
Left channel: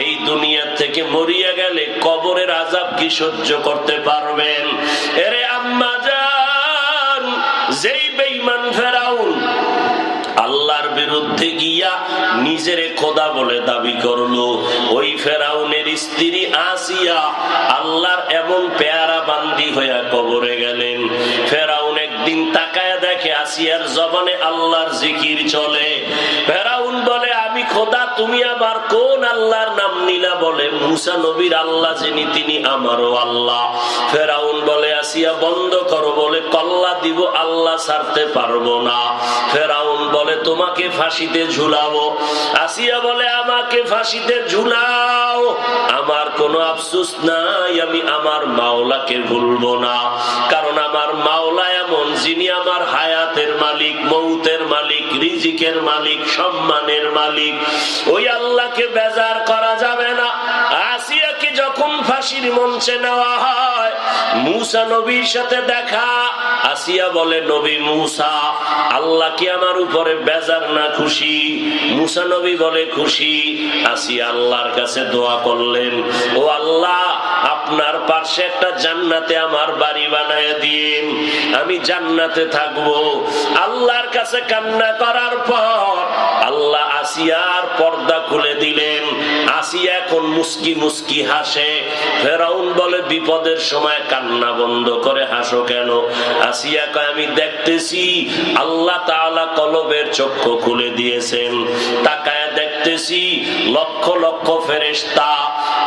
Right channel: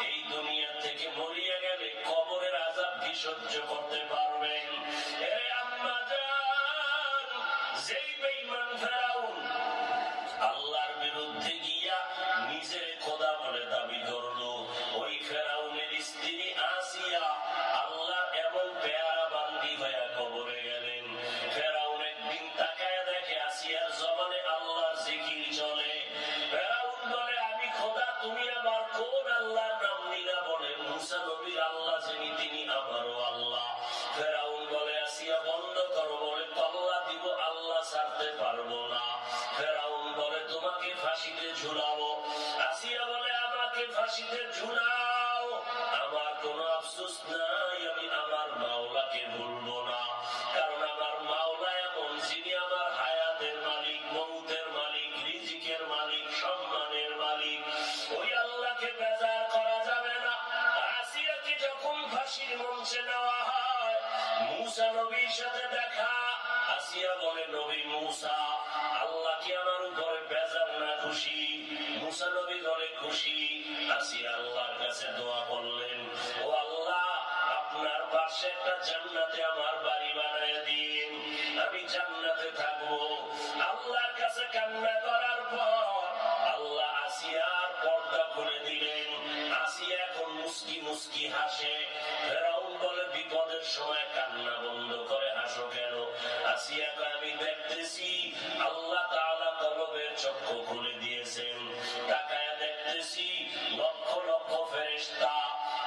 এই দুনিয়া থেকে মরিয়া গেলে কবরের আযাব কি সহ্য করতে পারবেন? এরে আম্মা জান, যেই বেঈমান ফেরাউন আল্লাহর বিরুদ্ধে গিয়া নিজেরে খোদা বলে দাবি করলো, ওই ফেরাউনের স্ত্রী আসিয়া আল্লাহর এমন পেয়ারা বান্দি হইয়া কবরে গেলেন। ফেরাউন একদিন তাকায়া দেখে আসিয়ার জবানে আল্লাহর জিকির চলে। ফেরাউন বলে, আমি খোদা, তুমি আবার কোন আল্লাহর নাম নিলা? বলে, মুসা নবীর আল্লাহ যিনি তিনি আমারও আল্লাহ। ফেরাউন বলে, আসিয়া বন্ধ করো। বলে, কল্লা দিব, আল্লাহ ছাড়তে পারবো না। ফেরাউন বলে, তোমাকে ফাঁসিতে ঝুলাবো। আসিয়া বলে, আমাকে ফাঁসিতে ঝুলাও, আমার কোনো আফসোস নাই, আমি আমার মাওলাকে ভুলবো না। কারণ আমার মাওলা এমন, যিনি আমার হায়াতের মালিক, মৌতের মালিক, রিজিকের মালিক, সম্মানের মালিক। ওই আল্লাহকে বেজার করা যাবে না। আসিয়াকে যখন ফাঁসির মঞ্চে নেওয়া হয়, মুসা নবীর সাথে দেখা। আসিয়া বলে, নবী মুসা, আল্লাহ কি আমার উপরে বেজার না খুশি? মুসা নবী বলে, খুশি। আসিয়া আল্লাহর কাছে দোয়া করলেন, ও আল্লাহ, আপনার পাশে একটা জান্নাতে আমার বাড়ি বানায় দিন, আমি জান্নাতে থাকবো। আল্লাহর কাছে কান্না করার পর আল্লাহ আসিয়ার পর্দা খুলে দিলেন। আসিয়া এখন মুস্কি মুস্কি হাসে। ফেরাউন বলে, বিপদের সময় কান্না বন্ধ করে হাসো কেন? আসিয়া কয়, আমি দেখতেছি আল্লাহ তাআলা কলবের চক্ষু খুলে দিয়েছেন। তাকায়া দেখতেছি লক্ষ লক্ষ ফেরেশতা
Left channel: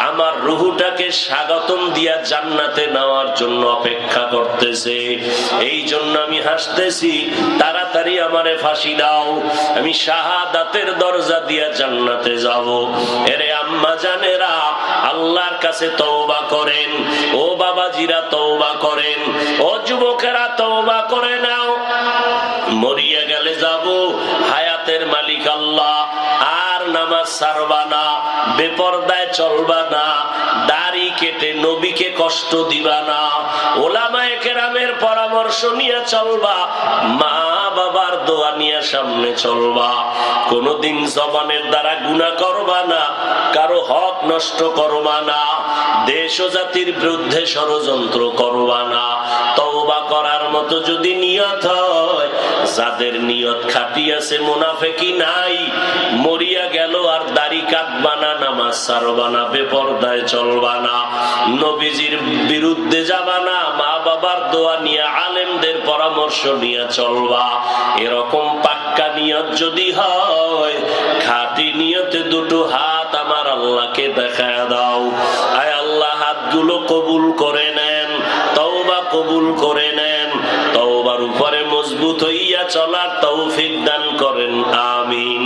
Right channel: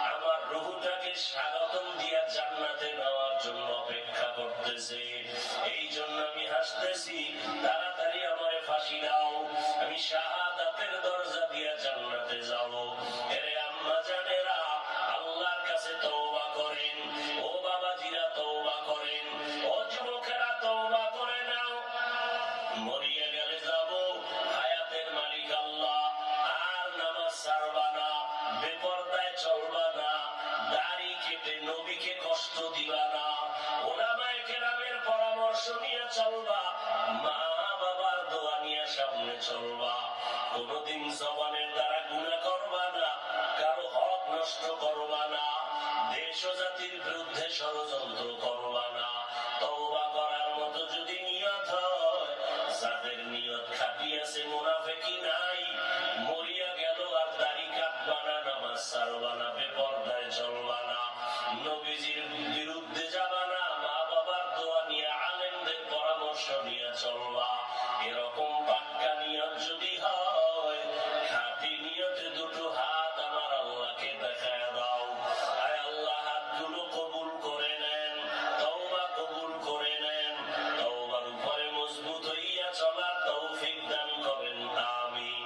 আমার রুহুটাকে স্বাগতম দিয়া জান্নাতে নেওয়ার জন্য অপেক্ষা করতেছে। এই জন্য আমি হাসতেছি, তাড়াতাড়ি আমারে ফাঁসি দাও, আমি শাহাদাতের দরজা দিয়া জান্নাতে যাব। এরে আম্মা জানেরা, আল্লাহর কাছে তওবা করেন। ও বাবাজিরা তওবা করেন, ও যুবকেরা তওবা করে নাও। মরিয়া গেলে যাব, হায়াতের মালিক আল্লাহ, আর নামাজ ছাড়বা না, বেপরদায় চলবা না, দাড়ি কেটে নবীকে কষ্ট দিবা না, ওলামায়ে কেরামের পরামর্শ নিয়ে চলবা, মা বাবার দোয়া নিয়ে সামনে চলবা, কোনদিন জবানের দ্বারা গুনাহ করবা না, কারো হক নষ্ট করবা না, দেশ ও জাতির বিরুদ্ধে ষড়যন্ত্র করবা না। তওবা করার মতো যদি নিয়ত হয়, যাদের নিয়ত খাঁটি আছে, মুনাফিকি নাই, মরিয়া গেল আর দাড়ি কাটবা না, নামাজ ছাড়বা না, বেপরদায় চলবা না, নবীজির বিরুদ্ধে যাবা না, মা বাবার দোয়া নিয়ে আলেমদের পরামর্শ নিয়ে চলবা। এরকম পাক্কা নিয়ত যদি হয়, খাঁটি নিয়তে দুটো হাত আমার আল্লাহকে দেখায় দাও। আয় আল্লাহ, হাতগুলো কবুল করে নেন, তওবা কবুল করে নেন, তওবার উপরে মজবুত হইয়া চলার তৌফিক দান করেন, আমিন।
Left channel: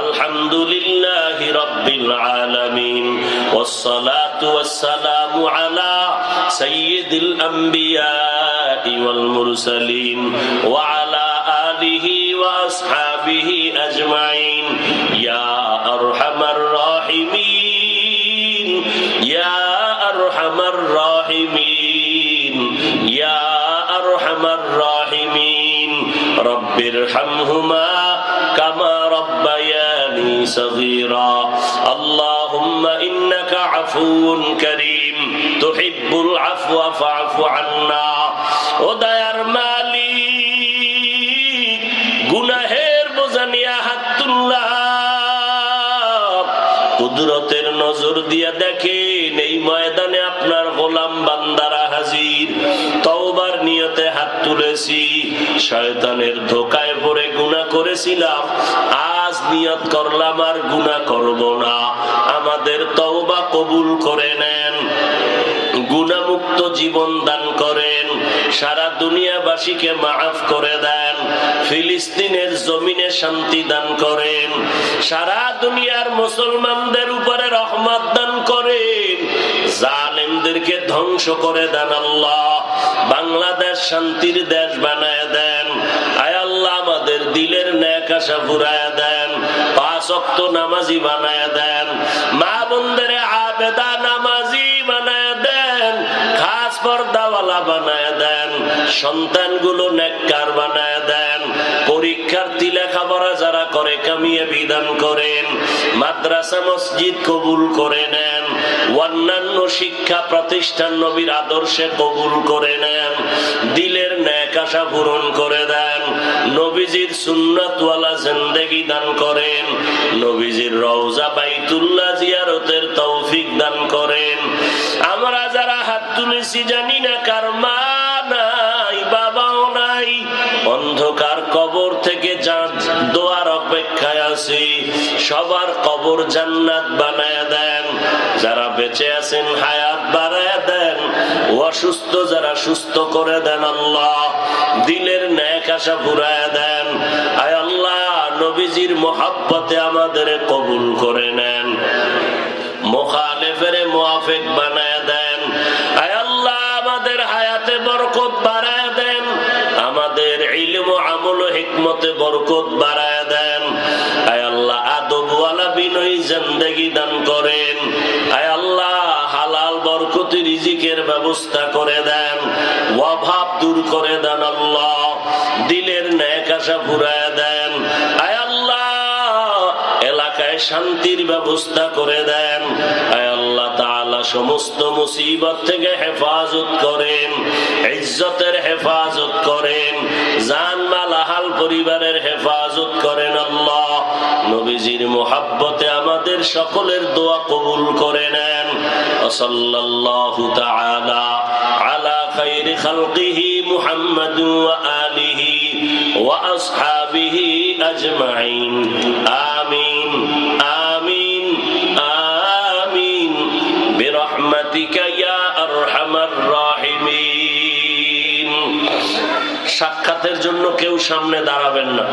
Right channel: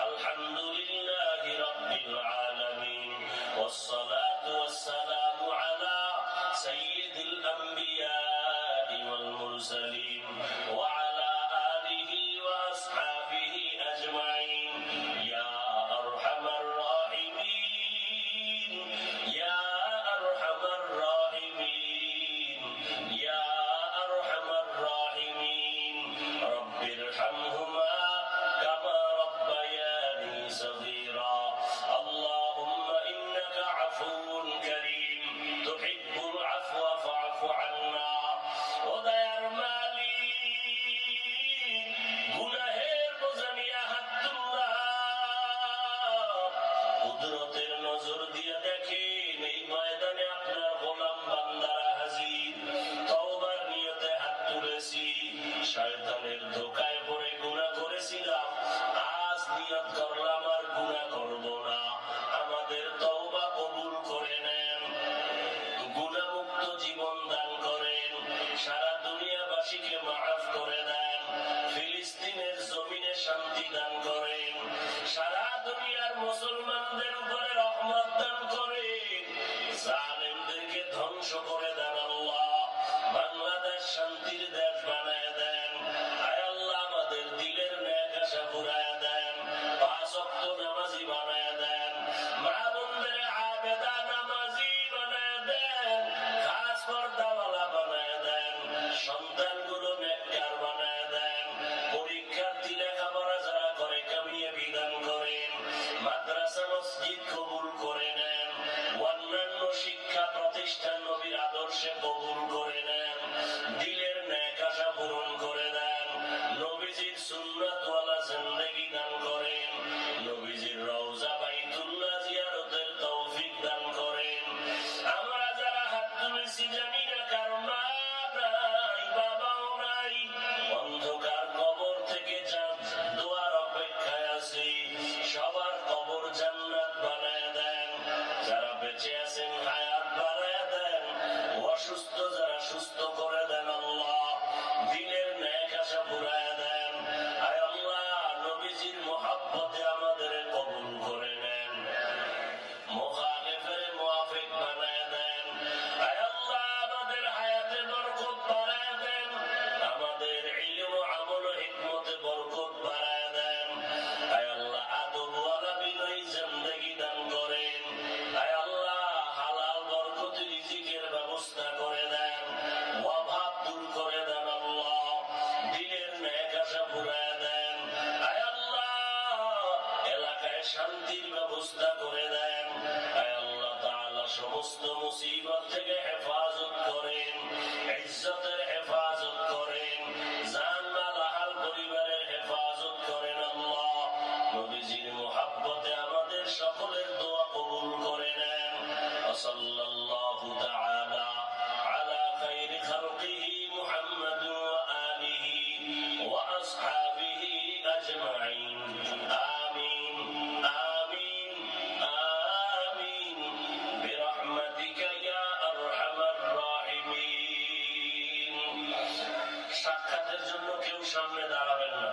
আলহামদুলিল্লাহি রাব্বিল আলামিন, ওয়াসসালাতু ওয়াসসালামু আলা সাইয়্যিদিল আম্বিয়া ওয়াল মুরসালিন ওয়া আলা আলিহি ওয়া আসহাবিহি আজমাইন। ইয়া আরহামার রাহিমিন, ইয়া আরহামার রাহিমিন, ইয়া আরহামার রাহিমিন, রব্বিরহামহুমা কামা রব্বায়ানি সগীরা। আল্লাহুম্মা ইন্নাকা আফুউন কারীম, তুহিব্বুল আফওয়া ফা'ফু আন্না। ও দয়ার মালিক, গুনাহের বোঝা নিয়ে হাত তুললাম, কুদরতের নজর দিয়া দেখেন এই ময়দানে আপনার গোলাম বান্দারা হাজির। তওবার নিয়তে হাত তুলেছি, শয়তানের ধোকায় পড়ে গুনাহ করেছিলাম, আজ নিয়ত করলাম আর গুনাহ করব না। আমাদের তওবা কবুল করে নেন, গুনাহমুক্ত জীবন দান করেন, সারা দুনিয়াবাসীকে মাফ করে দেন, ফিলিস্তিনের জমিনে শান্তি দান করেন, সারা দুনিয়ার মুসলমানদের উপরে রহমত দান করেন, জালেমদেরকে ধ্বংস করে দেন আল্লাহ। বাংলাদেশ শান্তির দেশ বানায় দেন। আয় আল্লাহ, আমাদের দিলের নেক আশা ফুরায় দেন, 5 ওয়াক্ত নামাজি বানায় দেন, মা বোনদের আবেদা নামাজি বানায় দেন, খাস পর্দাওয়ালা বানায় দেন, সন্তানগুলো নেককার বানায় দেন, পরীক্ষার্থী লেখাপড়া যারা করে কামিয়ে বিধান করেন, মাদ্রাসা মসজিদ কবুল করে নেন, অন্যান্য শিক্ষা প্রতিষ্ঠান নবীর আদর্শে কবুল করে নেন, দিলের নেক আশা পূরণ করে দেন, নবীজির সুন্নাতওয়ালা জিন্দেগি দান করেন, নবীজির রওজা বাইতুল্লাহ জিয়ারতের তৌফিক দান করেন। আমরা যারা হাত তুলেছি জানি না কার মা নাই, বাবাও নাই, অন্ধকার কবর থেকে দোয়ার অপেক্ষায় আছি, সবার কবর জান্নাত বানায় দেন, যারা বেঁচে আছেন হায়াত বাড়ায় দেন, অসুস্থ যারা সুস্থ করে দেন আল্লাহ, দিলের নেক আশা ফুরায় দেন। আয় আল্লাহ, নবীজির মহব্বতে আমাদের কবুল করে নেন, মুখালিফের মুওয়াফিক বানায় দেন। আয় আল্লাহ, আমাদের হায়াতে বরকত বাড়ায় দেন, আমাদের ইলম ও আমল ও হিকমতে বরকত বাড়ায় দেন। আয় আল্লাহ, আদবওয়ালা বিনয়ী জিন্দেগি দান করেন। আয় আল্লাহ, হালাল বরকতি রিজিকের ব্যবস্থা করে দেন, অভাব দূর করে দেন আল্লাহ, দিলের নেক আশা ফুরায় দেন। আয় আল্লাহ, এলাকায় শান্তির ব্যবস্থা করে দেন। আয় আল্লাহ তাআলা, সমস্ত মুসিবত থেকে হেফাজত করেন, ইজ্জতের হেফাজত করেন, জান মাল আহাল পরিবারের হেফাজত করেন আল্লাহ। নবীজির মুহাব্বতে আমাদের সকলের দোয়া কবুল করে নেন। সাল্লাল্লাহু তাআলা আলা খায়রি খালকিহি মুহাম্মাদ ওয়া আলিহি ওয়া আসহাবিহি আজমাইন। আমিন আমিন আমিন বিরহমাতিকা ইয়া আরহামার রাহিমিন। সাক্ষাতের জন্য কেউ সামনে দাঁড়াবেন না।